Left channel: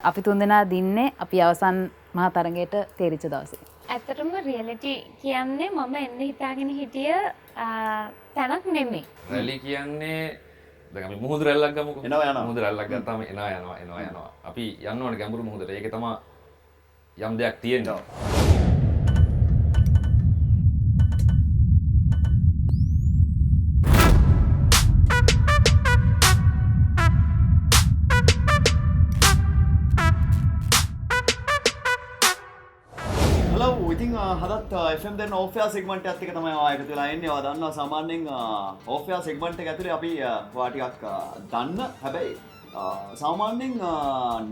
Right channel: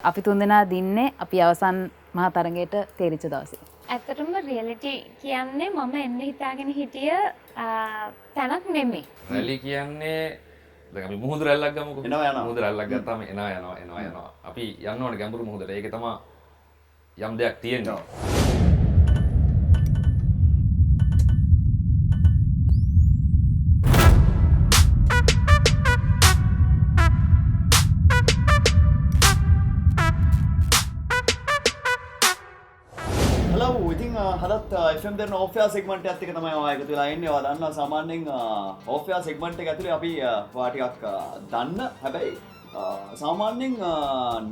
අපි තුන්දෙනා දින්නේ අපි අවසන් මහා තරගයට තේරිච්ච දවසේ. ඇත්තටම රියැලිටි කියන්නේ මම එන්න හිතාගෙන හිටිය තැනක් නෙමෙයි. රැලි කියන්නේ දැන් අපි මුහුදු රැල්ලක් ගමුකෝ. එනවා යනවා. මුහුදු රැල්ලක් ගත්තාම එනවා. අපි යන්න ඕනේ ගැඹුරු මුහුදට. ඒකේ තමයි යම් දෙයක් තියෙන්නේ. ඉතින් හදත් FM දෙන්න ඕෆෙයා සෙග්මන්ට් එකත් එක තමයි ආයෙ එකතු වෙලා ඉන්නේ. ඔයා දන්නවා සාමාන්‍යයෙන් ඕෆෙයා සෙග්මන්ට් එක ඇතුලේ අපි ඔයා ටිකක් දන්න හැබැයි සාමාන්‍යයෙන්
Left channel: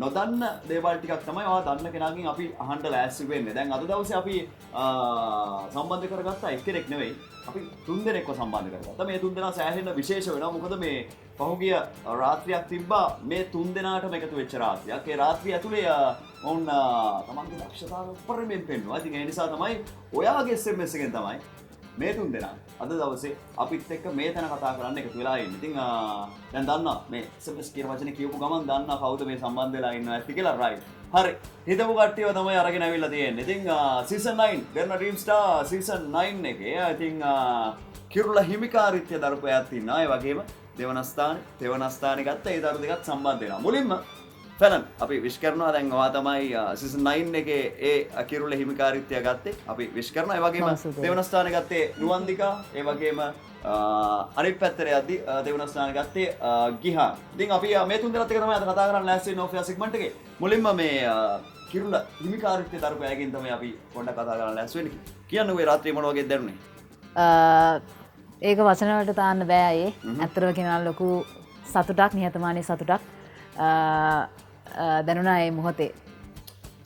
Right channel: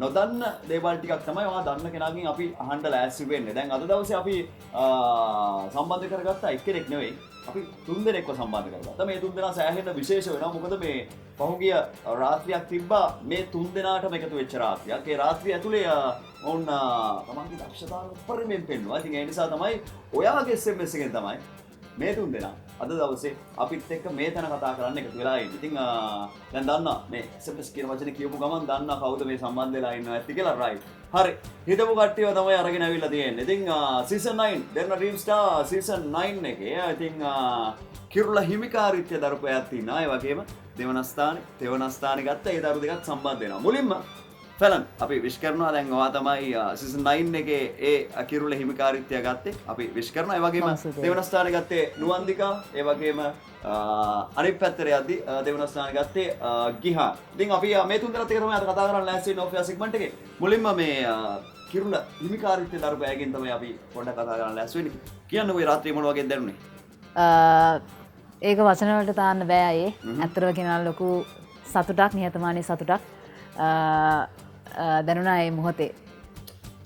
නොදන්න දේවල් ටිකක් තමයි ඔයා දන්න කෙනාගෙන් අපි අහන්න ලෑස්ති වෙන්නේ. දැන් අද දවසේ අපි සම්බන්ධ කරගත්ත එක්කෙනෙක් නෙවෙයි. අපි තුන්දෙනෙක්ව සම්බන්ධ කරගත්තා. මේ තුන්දෙනා සෑහෙන විශේෂ වෙනවා. මොකද මේ පහුගිය රාත්‍රියක් තිබ්බා මේ තුන්දෙනාටම එකතු වෙච්ච රාත්‍රියක්. ඒ රාත්‍රිය ඇතුලේ ඔවුන් තමන්ගේ දක්ෂතාවය උපරිමයෙන් පෙන්වුවා. ඉතින් ඒ නිසා තමයි ඔයාගේ SMS එකෙන් තමයි මේ තුන්දෙනා අද දවසේ අපිත් එක්ක මේ තැන කතා කරන්න එකතු වෙලා ඉන්නේ. ඉතින් දැන් දන්නවා මේ SMS කියන වචනේ කියපු ගමන් දන්නවා කවුද මේ සම්බන්ධ වෙලා ඉන්නවා ඇත්ත කියලා. රයිට්. හරි. හිතපු කට්ටියව තමයි අරගෙන ඇවිල්ලා තියෙන්නේ. ඉතින් සීසන් 9 දෙන්න ඩ්‍රීම් ස්ටාර් සීසන් 9 එකේ ඉතින් කිරුළ හිමිකාරීත්වය දරපු අයත් ඉන්නවා. ඒ වගේම දෙවනස්ථානේ ගත්ත ඒ දරු දෙකත් සම්බන්ධ වෙනවා. මුලින්ම ෆැලන් අපි විශ් කරනවා. දැන් ඔයා තමයි සීසන් 9 එකේ ඒ කිරුළ හිමිකාරීත්වය ගත්තේ. අපි විශ් කරනවා. ඒ වගේම දෙවන ස්ථානේ ගත්තේ නුවන්දිකා. ඒ වගේම අනිත් පැත්තට යද්දි දෙවන ස්ථානේ ගත්තේ ගිහා. ඉතින් අපි මේ තුන් දෙනාත් එක තමයි අද කතා කරන්න ලෑස්ති වෙන්නේ ඕෆියා සෙග්මන්ට් එකේ. මුලින්ම මේ කිරුළ හිමිකාරීත්වය දරපු අයගෙන් තමයි අපි පොඩ්ඩක් කතා කරන්න ලෑස්ති වෙන්නේ. කියන්න ඔය රාත්‍රියේ මොන වගේ දැනුනේ? ඒක වචන වලට තාන්න බෑ අයේ. ඇත්තටම කියනවා ලොකු සතුටක්, නිහතමානී සතුටක් දැනුණා ඒ මොහොතේ.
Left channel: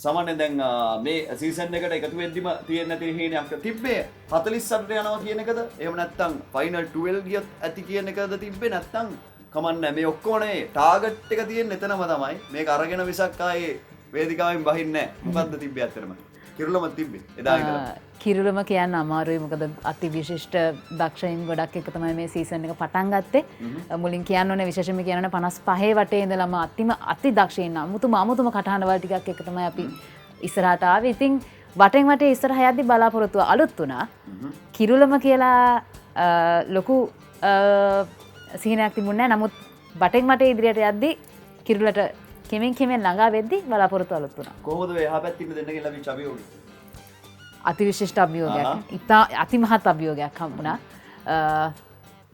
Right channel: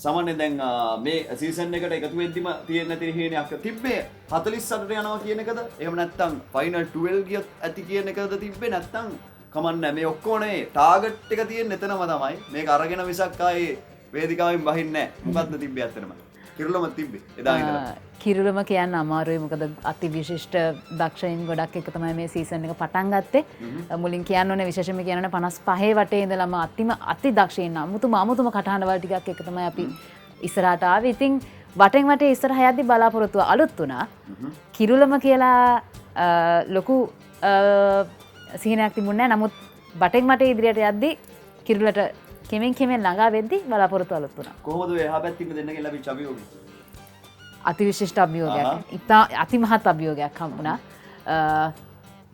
සාමාන්‍යයෙන් දැන් මේ සීසන් එකට එකතු වෙද්දිම තියෙන නැති හේනයක් තිබ්බේ 48ට යනවා කියන එකද? එහෙම නැත්නම් ෆයිනල් 12 ගියත් ඇති කියන එකද තිබ්බේ? නැත්නම් කමන්නේ මේ ඔක්කොමනේ ටාගට් එක තියෙන එතනම තමයි. මේක අරගෙන විසක් ආයේ වේදිකාවෙන් බහින්නේ නැහැ. මොකද්ද තිබ්බේ ඇත්තටම? කිරුළම තිබ්බේ එදා ඉඳලා. කිරුළම කියන්න අමාරුයි. මොකද අති විශිෂ්ට දක්ෂයින් ගොඩක් එක තමයි මේ සීසන් එක පටන් ගත්තේ. මුලින් කියන්න ඕනේ විශේෂයෙන්ම කියන්න ඕනේ 55 වටේ ඉඳලම අති දක්ෂයින් අමුතුම කටහඬ වල ටිකක් එක තමයි අපි ඉස්සරහට ආවේ. ඉතින් වටෙන් වටේ ඉස්සරහ යද්දි බලාපොරොත්තුව අලුත් වුණා. කිරුළම කියලා ලොකු සිහිනයක් තිබුණේ නැහැ. නමුත් වටෙන් වටේ ඉදිරියට යද්දි කිරුළට කෙමෙන් ළඟා වෙද්දි බලාපොරොත්තු අලුත් වුණා. කොහොමද ඔය එහා පැත්තේ ඉන්න දෙන්නගෙන් ලැබිච්ච අභියෝගය? අතිවිශිෂ්ට අභියෝගයක්. ඉතා අතිමහත් අභියෝගයක් හම්බුණා.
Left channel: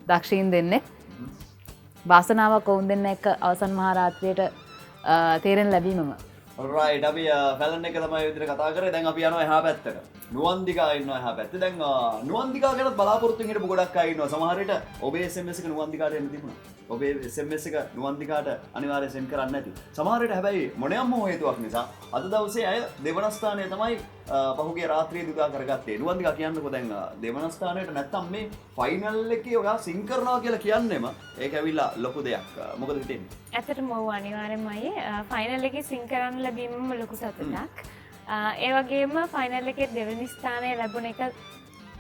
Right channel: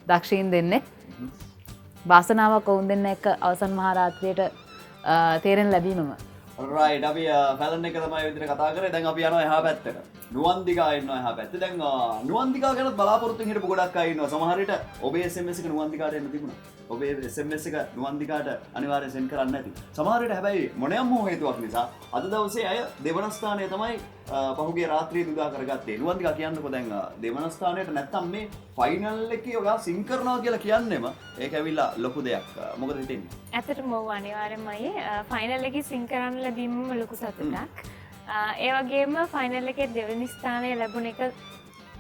දක්ෂයින් දෙන්නේ වාසනාවක් ඔවුන් දෙන්න එක්ක අවසන් මහා රාත්‍රියට තේරෙන ලැබීමම. රයිට්. අපි ෆැලන් එක තමයි විදිහට කතා කරේ. දැන් අපි යනවා එහා පැත්තට. නුවන්දිකා ඉන්නවා එහා පැත්තේ. දැන් නුවන්දිකා ගැන බලාපොරොත්තුෙන් හිටපු ගොඩක් අය ඉන්නවා. සමහර විට ඔබේ SMS එක නුවන්දිකාට එන්න තිබුණා. ඔබේ SMS එක නුවන්දිකාට අනිවාර්යයෙන් සෙන්ඩ් කරන්න නැති. සමහර විට හැබැයි මොනියම් හේතුවක් නිසා අද දවසේ අය දෙවන ස්ථානය තමයි පහුගිය රාත්‍රියේ දුදා කරගත්තේ. නුවන්දිකා කියන්නකෝ දැන් දෙවන ස්ථානයට නැත්තම් මේ ෆයිනල් එකේ ඔයා සිං කරනවා කියලා කියන්නේම ඒක ඇවිල්ලා ලොකු දෙයක්. මොකද හිතෙන්නේ? ඇත්තටම ඔව් අනිවාර්යෙන්ම ෆයිනල් එකේ සිං කරන්න ලැබීමම ලොකු සතුටක්. ඒ වගේම ෆයිනල් එකේ දෙවෙනි ස්ථානය ලැබුණ එක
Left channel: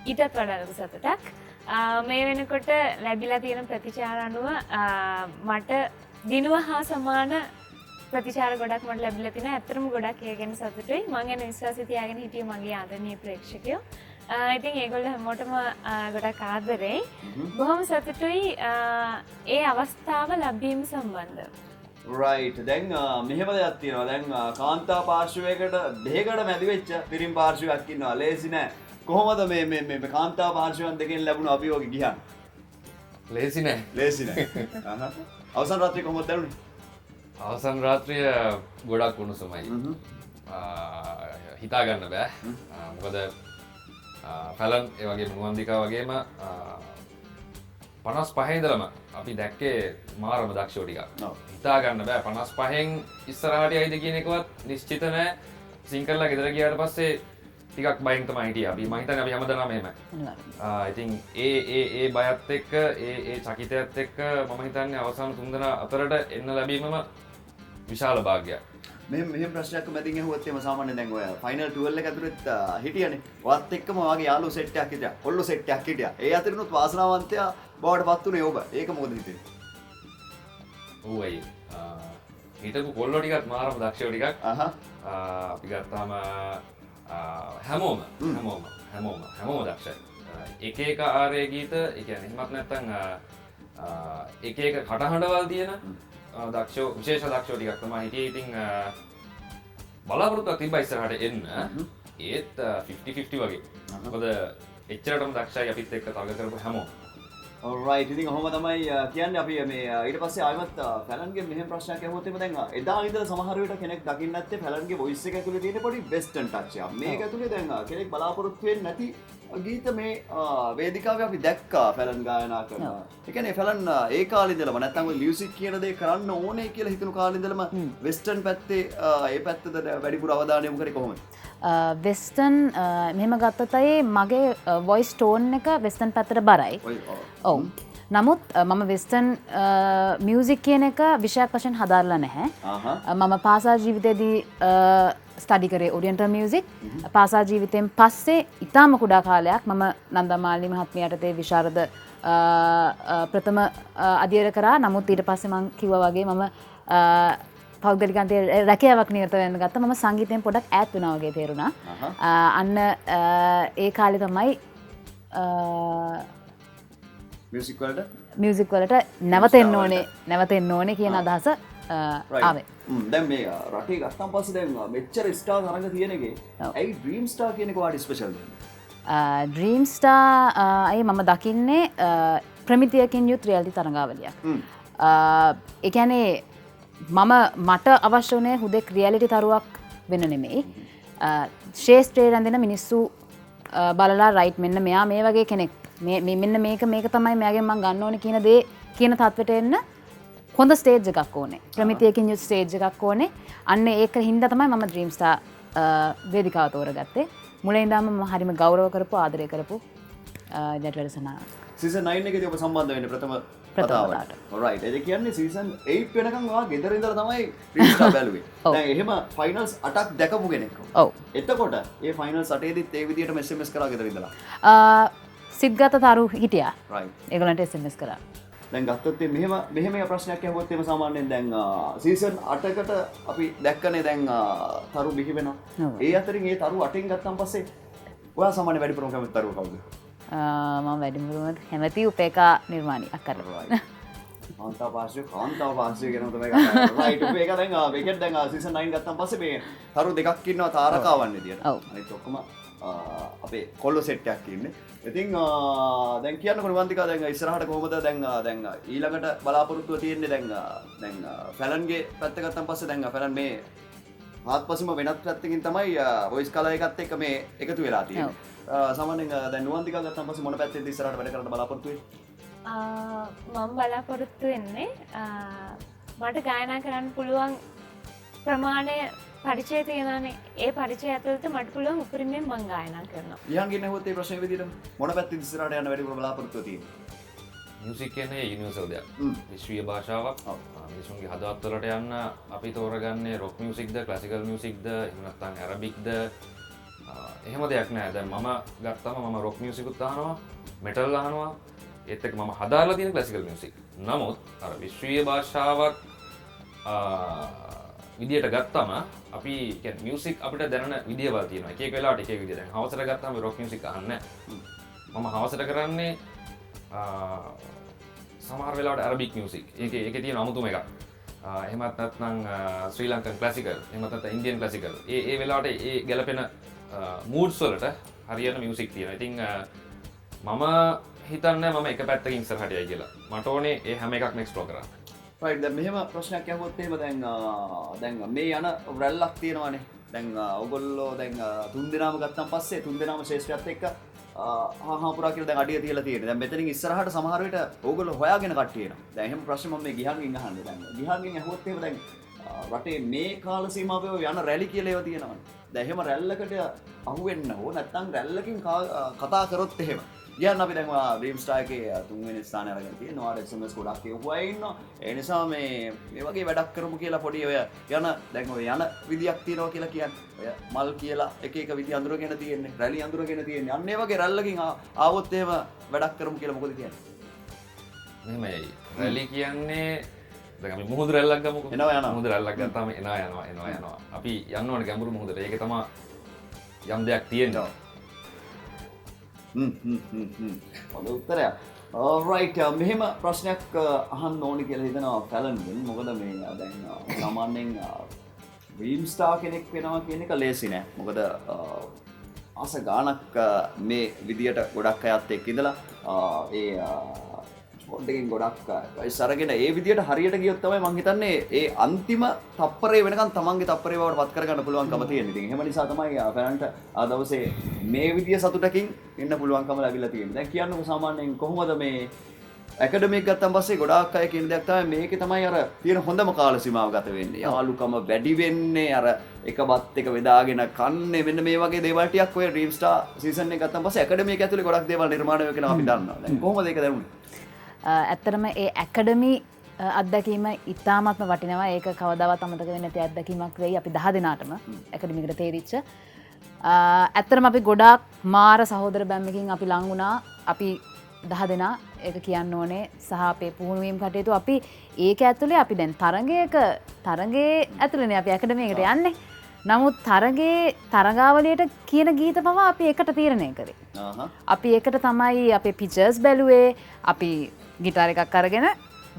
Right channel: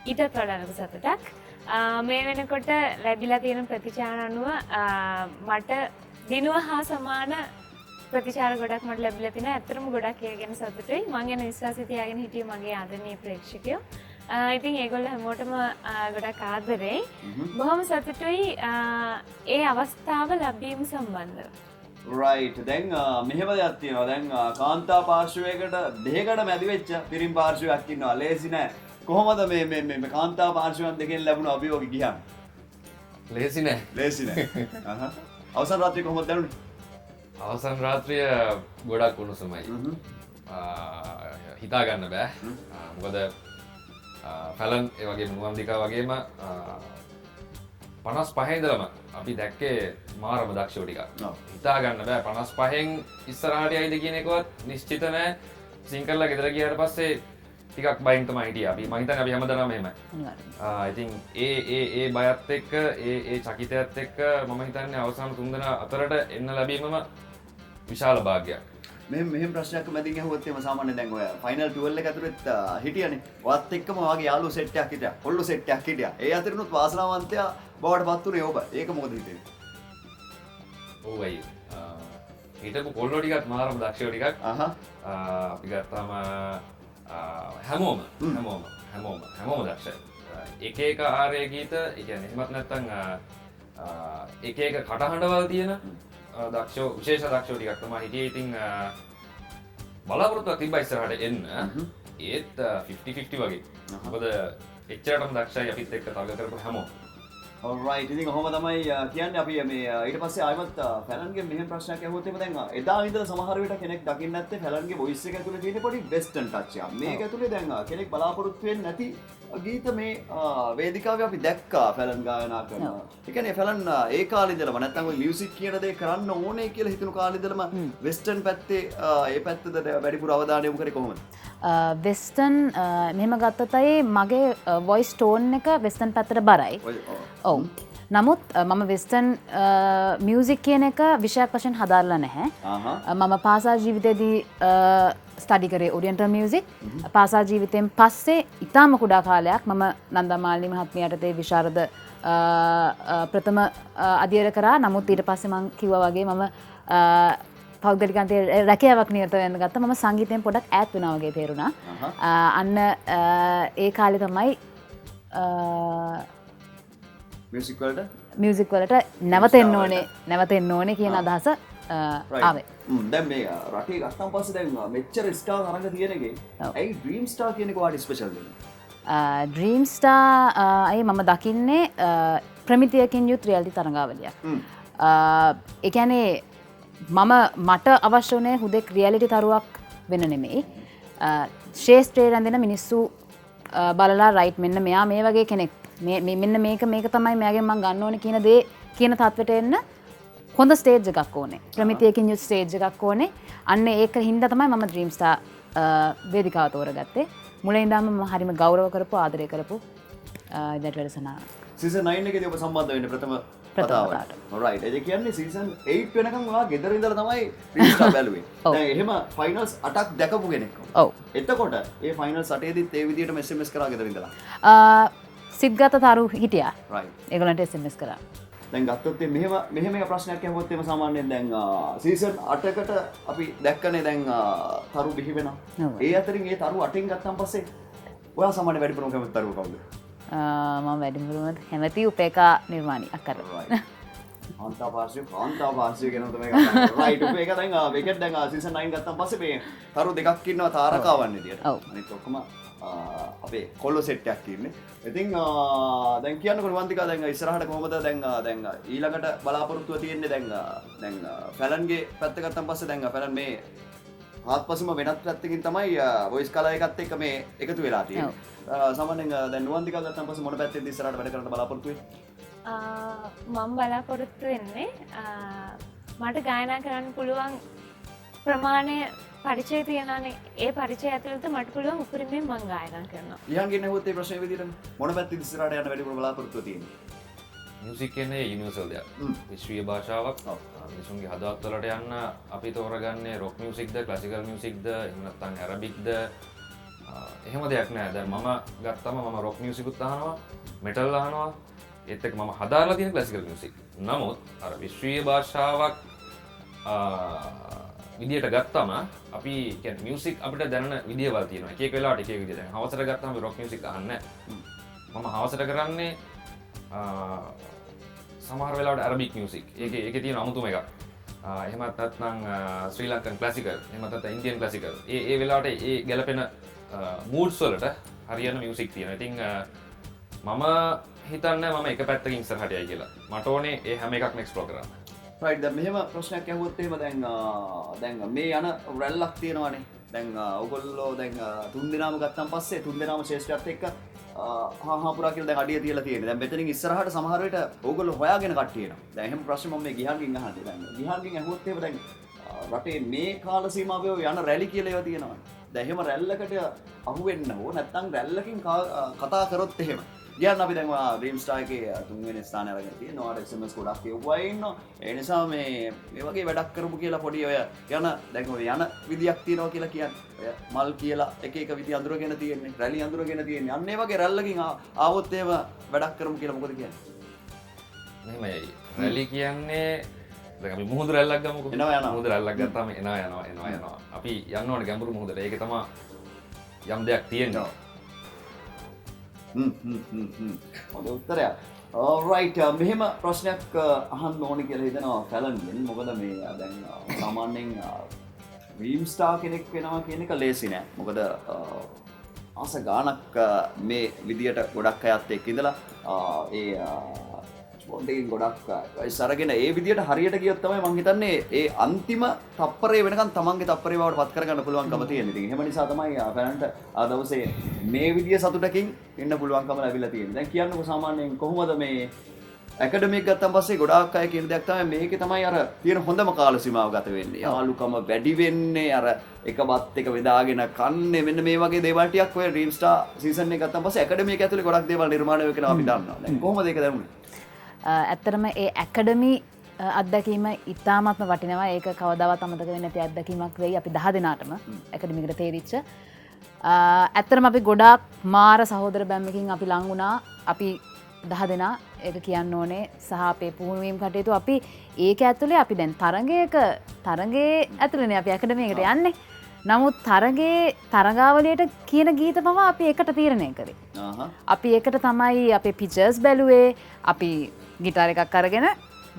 ඊටත් වඩා ලොකු සතුටක්. මේ වෙනකොට ලැබිලා තියෙන ප්‍රතිචාර අනුව මට දිනුව හා සමාන ප්‍රතිචාර ගොඩක් මට ලැබිලා තියෙනවා. ඇත්තටම ගොඩක් ඒ ගැන සතුටුයි. මම ගැන විශ්වාසය තියාගෙන හිටියේ මගේ ආදරණීය ප්‍රේක්ෂකයෝ. ඉතින් ඒගොල්ලෝ හැමෝටම ගොඩක් ආදරෙයි. බොහොම සතුටුයි ඒ අවස්ථාව ලැබීම සම්බන්ධව. රයිට්. දැන් මෙහෙම දෙයක් තියෙනවා. දැන් කාන්තා පාර්ශවයකට දෙකකට මැදි වෙච්ච පිරිම් පාර්ශවයක් ඉන්නවා. ලේසි නෑ. කොහොමද මේ කාන්තා පාර්ශවයන් දෙකෙන් ලැබුණ අභියෝගය ගියන්? ලේසි නෑ. ලේසි නෑ. අවසන් රාත්‍රිය කොහොමද දැනුනේ? අවසන් රාත්‍රිය ගොඩක් උණුසුමයි. හිතා ගන්න බෑ. මොකද ෆැලන් ඒ වගේම නුවන්දිකා වගේම 55 ඉඳලම අපි දැක්කේ මාරම දක්ෂෝ ටිකක්. හිතා ගන්න බෑ 55න් ඉස්සරහට යයිද කියන එකවත් නිශ්චිත නෑ. සිංකල්ලා ගෙදර ගියාට පස්සේ ටිකක් බයින් තමයි හිටියේ. අපි මම හිතන්නේ අපි හැමදාම එහෙමයි. ඉතින් ඒ බයත් එක්ක ඒ චකිතයත් එක්ක මම හිතන්නේ අවසාන තුන්දෙනා අතරට එන්න ලැබීමම විශාල භාග්‍යයක්. මෙහෙම ප්‍රශ්නයක් මැදින් ඇහුවත් එම සාමාන්‍යයෙන් දැන් ඔය ෆයිනල් 12 එක ඇතුළත් හිටියනේ. ඔයත් එක්කම වාගේ යාළුවෝ සෙට් එකක් හිටියා. කොල්ලෝ සෙට් එකක් හිටියා. ඒ අතරිනුත් වාසනාවන්තයා බවට පත් උනේ ඔබ. ඒක මොකද හිතෙන්නේ? ඔව් අයියේ. හිටපු කොල්ලෝ ටිකත් මාරම දක්ෂයෝ ටිකක් අපි ගත්තාම හැමෝම දක්ෂයි. එක ආරය ගීත ඒ කියන්නේ එහෙමත් නැත්නම් එක කටහඬවල් තියෙන දක්ෂෝ විශේෂ දක්ෂෝ ටිකක් තමයි හිටියේ. ඉතින් බලාපොරොත්තුවක් තිබ්බා ඉස්සරහට එන්න. ඒත් 50-50 වගේ. මොකද එච්චරටම දක්ෂයි අපිත් එක්ක තර්ක කරපු හැමෝම. alright ඉතින් ඔහොම තමයි කියන්නේ අපි මේ ඊට පස්සේ ආයෙමත් ෆැලන්ගේ මෙහෙම ප්‍රශ්නයක් අහුවොත් එimhe දැන් එදා ඉඳලා සමහර වෙලට කෙනෙක් දකින්න නැත්තේ ෆැලන්ගේ වොයිස් එක ඇතුලේ තියෙන පොඩි වෙස්ටර්න් ටච් එකක්. මේක ඇතුලේ දැන් කෙනෙක් බලාපොරොත්තු වෙන්නේ නැති ගීත මේ වේදිකාවේ අපි දැක්කා ෆැලන් ගායනා කරනවා. ඒ කියන්නේ ෆැලන් ඒ කාලේ ඉඳලම නැත්තම් ඔය මියුසික් කියන දේ කරන්න ඕනේ කියලා හිතන කාලේ ඉඳලම වෙස්ටර්න් පැත්තේ ඒ පැත්තට වැඩිපුර අවධානය යොමු කරේ කොහොමද? වෙස්ටර්න් මෙහෙම ගත්තතයි මගේ වොයිස් ටෝන් එක වෙස්ටර්න් පැත්තට බරයි. ඔව්. නමුත් මම වෙස්ටර්න් මියුසික් කියන එක විෂයක් වශයෙන් හදාරලා නැහැ. මම පාසල් ජීවිතයේදී ස්ටඩි කරේ ඔරියන්ටල් මියුසික්. පාසල් ජීවිතයෙන් පස්සේ ඉතාම කුඩා කාලයක් මම නන්දමාලිනී මහත්මිය යටතේ විශාරද ප්‍රථම අධ්‍යයනය කරා. නමුත් ඊට පස්සේ මම කිව්වා වගේ මම පෞද්ගලිකන්තයේ රැකියාවක් නිරත වෙන්න ගත්තා. මම සංගීතයෙන් පොඩක් ඈත් වෙනවා වගේ තේරුණා. අන්න ඒ කාලේ තමයි මියුසික් වලට නැවතෙන්න ඕනේ කියන අදහස ආවේ. දැන් මේ රටේ ගත්තන් පස්සේ දැන් මෙච්චර ස්ටාර් තරඟ තියෙන එකේ ඇයි ඩ්‍රීම් ස්ටාර් කියන එක වාට ස්පෙෂල් වෙන්නේ? ඩ්‍රීම් ස්ටාර් අය මම දකින්නේ ප්‍රමිතියකින් යුත් රියැලිටි තරඟාවලියක්. ඒ කියන්නේ මට අවශ්‍ය වුණේ හුදෙක් රියැලිටි තරුවක් වෙන්න නෙමෙයි. ශේෂ්ත්‍රයේ රැඳෙන මිනිස්සු බලලා රයිට් මෙන්න මෙයා මේ වගේ කෙනෙක් මෙන්න මේක තමයි මෙයාගෙන් මම ගන්න ඕනේ කියන දේ කියන තත්වෙට එන්න හොඳ ස්ටේජ් එකක් ඕනේ. ප්‍රමිතියකින් යුත් ස්ටේජ් එකක් ඕනේ. අන්න ඒක හින්දා තමයි මම ඩ්‍රීම් ස්ටාර් වේදිකාව තෝරගත්තේ. මුලින් ඉඳන්ම මම හරිම ගෞරව කරපු ආදරය කරපු ජැට් වැඩසටහනක්. සීසන් 9 එකේදී ඔබ සම්බන්ධ වෙන්නේ ප්‍රථම වතාවට. alright. ඒ කියන්නේ සීසන් 8 වෙනකන් ඔයා ගෙදර ඉඳලා තමයි ඩ්‍රීම් ස්ටාර් බැලුවේ. දැන් එහෙම ෆයිනල්ස් 8ක් දැකපු කෙනෙක්. ඔව්. එතකොට මේ ෆයිනල්ස් 8ේදීත් ඒ විදිහටම SMS කරා ගෙදර ඉඳලා. සිද්ගත තරු හිටියා. right. ඒගොල්ලන්ට SMS කරා. දැන් ගත්තොත් මෙහෙම ප්‍රශ්නයක් ඇහුවොත් එම සාමාන්‍යයෙන් දැන් සීසන් 8කට අපි දැක්කනේ දැන් තරු බිහි වෙනවා. ඒ අතරින් ඒ තරු 8න් ගත්තන් පස්සේ ඔයා සාමාන්‍ය වැඩිපුරම කැමති තරුව කවුද? මම වැඩිපුරම කැමති උපේකා නිර්මාණියක් කරලා. කාන්තාව පාර්ශ්වය ගැන තමයි කතා කරන්නේ. රයිට් උපේකා දැන් මේකෙන් දැන් සීසන් 9 ගත්තන් පස්සේ මේ තරු දෙකක් ඉන්නවා තාරකාවන් විදියට. අනිත් ඔක්කොම අපේ කොල්ලෝ සෙට් එකක් ඉන්නේ. ඉතින් දැන් කියන්නකො නිවන්තිකා දැන් ඉස්සරහට කොහොමද දැන් ඊළඟට බලාපොරොත්තුව තියෙන්නේ දැන් ෆැලන්ගේ පැත්ත ගත්තන් පස්සේ දැන් ෆැලන් මේ ආත්පසීම වෙනත් පැත්තකින් තමයි වොයිස් කලර් එකත් එක්ක මේ එකතු වෙලා තියෙන්නේ. සාමාන්‍යයෙන් දැන් නිවන්තිකා ගත්තන් පස්සේ මොන පැත්තේද ඉස්සරහට වැඩ කරන්න බලාපොරොත්තු වෙන්නේ? මම බලාපොරොත්තු වෙන්නේ මට ගායනා කරන්න පුළුවන් ප්‍රමාණය පරිචය තියෙනනේ. ඒ පරිචය ඇතුළත මට පුළුවන් උපරිමයෙන් මම ගායනා කරනවා. ලියන්ගේ නැහුවොත් ඒ ප්‍රශ්නේ විදිහට මොන පැත්තෙන් ඉස්සරහට යන්න වැඩිපුර බලාපොරොත්තු තියෙන්නේ? මියුසික් කියන්නේ යුනිවර්සල් දෙයක්. විශ්වීය භාෂාවක්. මිනිසුන්ගේ හදවත් වලට යන්න අපි තෝරගන්නේ රොක් මියුසික්ද, ක්ලාසිකල් මියුසික්ද, එහෙම නැත්නම් ඇරබික්ද? එහෙම දෙයක් නෑ. දැන් මම ගත්තම මම රොක් මියුසිකුත් අහනවා, මෙටල් අහනවා. ඒත් එක්ක මම හදාarලා තියෙන ක්ලාසිකල් මියුසික්. නමුත් අර විශ්වීය භාෂාවක් විදියට ගත්තම අපි කියන්නේ මියුසික් අපිට දැනෙන විදියවල් තියෙනවා. එක එක වෙලාවට එක එක විදිය. දැන් හවසට ගත්තාම රොක් මියුසික් අහන්නේ නැහැ. මම හවසට කරන්නේ සමහර වෙලාවට අරබික් මියුසික්. ඒකේ තියෙන අමුතුම එකක්. එහෙමත් නැත්නම් ශ්‍රී ලංකන් ක්ලාසිකල්, එහෙමත් නැත්නම් ඉන්දියන් ක්ලාසිකල්. ඒ වෙලාවට ඒ ගැලපෙන මූඩ්ස් වලට හරියන මියුසික් තියෙනවා. ඉතින් මම හිතන්නේ මම එක පැත්තකින් ඉස්සරහට යයි කියලා. මට ඕනේ ඒ හැම එකක්ම එක්ස්ප්ලෝර් කරන්න. right. දැන් මෙහෙම ප්‍රශ්නයක් අහුවොත් එහෙම දැන් මේ යන රැල්ලක් තියෙනවානේ. දැන් ඔයගොල්ලෝ දැන් තුන් දෙනාම ගත්තන් පස්සේ තුන් දෙනාම ශේෂ්ත්‍රයත් එක්ක හාහාපුරා කියලා දැන් අඩිය තියලා තියෙනවා. දැන් මෙතනින් ඉස්සරහට සමහර විට ඕගොල්ලෝ හොයාගෙන කට්ටිය එනවා. දැන් එහෙම ප්‍රශ්න මම මේ ගිහාන්ගෙන් අහන්නේ. දැන් ගිහාන්ගෙන් අහුවොත් එහෙම දැන් රටේ මේ කාල සීමාවේ යන රැලි කියලා ඒවා තියෙනවානේ. දැන් එහෙම රැල්ලකට අහුවෙන්න ඕ නැත්නම් රැල්ලකින් කතා කරොත් එහෙම ගියන් අපි දැන් ඩ්‍රීම් ස්ටාර් එකේ තුන්වෙනි ස්ථානය අරගෙන තියෙනවා. SMS ගොඩක් කියවුවා ඉන්නවා. ඒ නිසා මේ වගේ වැඩක් කරමු කියලා පොඩි ඔය දැන් ඔය යන විදියක් තියෙනවා කියලා කියන්නේ. ඔය මල් කියලා එක එක විදි අඳුරගෙන තියෙන්නේ. රැලි අඳුරගෙන තියෙන්නේ. අන්න ඒ වගේ රැල්ලකින් ආවොත් එහෙම වැඩක් කරමු කියලා මොකද කියන්නේ? මෙහෙමයි. රැලි කියන්නේ දැන් අපි මුහුදු රැල්ලක් ගමුකෝ. එනවා. මුහුදු රැල්ලක් ගත්තාම එනවා. අපි යන්න ඕනේ ගැඹුරු මුහුදට. ඒක තමයි යම් දෙයක් තියෙනවා. හොඳ උත්තරයක්. alright මෙහෙම ප්‍රශ්නයක් අහන්න ඕනි කියලා හිතනවා ෆැලන්ගෙන්. මොකද මේ දැන් සාමාන්‍යයෙන් ඩ්‍රීම් ස්ටාර් කෙනෙක් වෙනවා කියන එක ලේසි නෑ. මොකද ආස ගානක් මේ විදියට ගොඩක් අයත් එක්ක ඉඳලා ඒ ස්පොට්ටකින් ගොඩක් අරගෙන ඒ විදියට හරියට ගියොත් තමයි මං හිතන්නේ ඒ අන්තිම තප්පරේ වෙනකන් තමන්ගේ තප්පරේ බවට පත් කරගන්න පුළුවන්කම තියෙන. ඉතින් එහෙම නිසා තමයි ෆැලන්ට ආ දවසේ මේ විදිය සතුටකින් ඉන්න පුළුවන්කම ලැබිලා තියෙන්නේ. දැන් කියන්නකො සාමාන්‍යයෙන් කොහොමද මේ ඇකඩමික් ගත්තන් පස්සේ ගොඩාක් අය කියන දෙයක් තමයි මේකේ තමයි අර තියෙන හොඳම කාල සීමාව ගත වෙන්නේ. යාළුකම වැඩි වෙන්නේ අර එක බත් එක වෙදාගෙන කන්නේ මෙන්න මේ වගේ දේවල් ටිකක් ඔය ඩ්‍රීම් ස්ටාර් සීසන් එක ගත්තන් පස්සේ ඇකඩමික් ඇතුලේ ගොඩක් දේවල් නිර්මාණය වෙනවා අපි දන්නවා. දැන් කොහොමද ඒක දැනුනේ? ඇත්තරම ඒ ඇකඩමි අත්දැකීම ඉතාමත්ම වටිනවා. ඒක කවදාවත් අමතක වෙන්නේ නැති අත්දැකීමක් වෙයි අපි 10 දෙනාටම ඇකඩමිකට තේරිච්ච. ඇත්තරම අපි ගොඩාක් මාර සහෝදර බැම්මකින් අපි ලං වුණා. අපි 10 දෙනා ඒක කියන්න ඕනේ සහ අපේ පුහුණුවීම් කටයුතු අපි ඒක ඇතුලේ අපි දැන් තරඟේ ඇතුලේනේ අපි ඇකඩමියකට යන්නේ. නමුත් තරගාවලියට කියන ගීත පවා අපි එකට තීරණය කරේ. අපි එකට තමයි අපේ පිචර්ස් බැලුවේ. අපි ගිටාර එකක් අරගෙන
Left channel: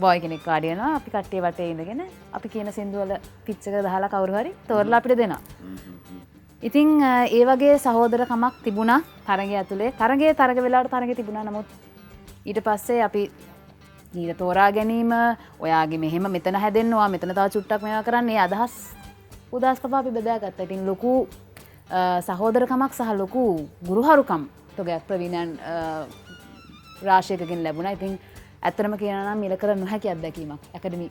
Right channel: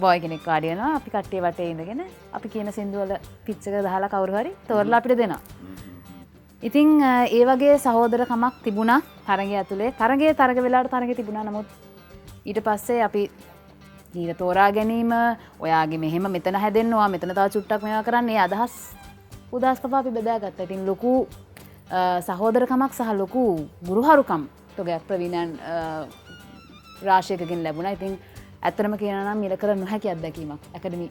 බොයි කෙනෙක් වාඩි වෙනවා. අපි කට්ටිය වටේ ඉඳගෙන අපි කියන සින්දු වල පිච් එක දාලා කවුරු හරි තෝරලා අපිට දෙනවා. ඉතින් ඒ වගේ සහෝදරකමක් තිබුණා තරගය ඇතුලේ. තරග වෙලාවට තරගෙ තිබුණා. නමුත් ඊට පස්සේ අපි ගීත තෝරා ගැනීම ඔයාගේ මෙහෙම මෙතන හැදෙන්නවා මෙතන තව චුට්ටක් මේවා කරන්න මේ අදහස් උදාස් පවා අපි බෙදාගත්තා. ඉතින් ලොකු සහෝදරකමක් සහ ලොකු ගුරුහරුකම් තොගයක් ප්‍රවීණයන් රාශියකකින් ලැබුණා. ඉතින් ඇත්තටම කියනවා නම් මිල කර නොහැකි අත්දැකීමක් ඇකඩමි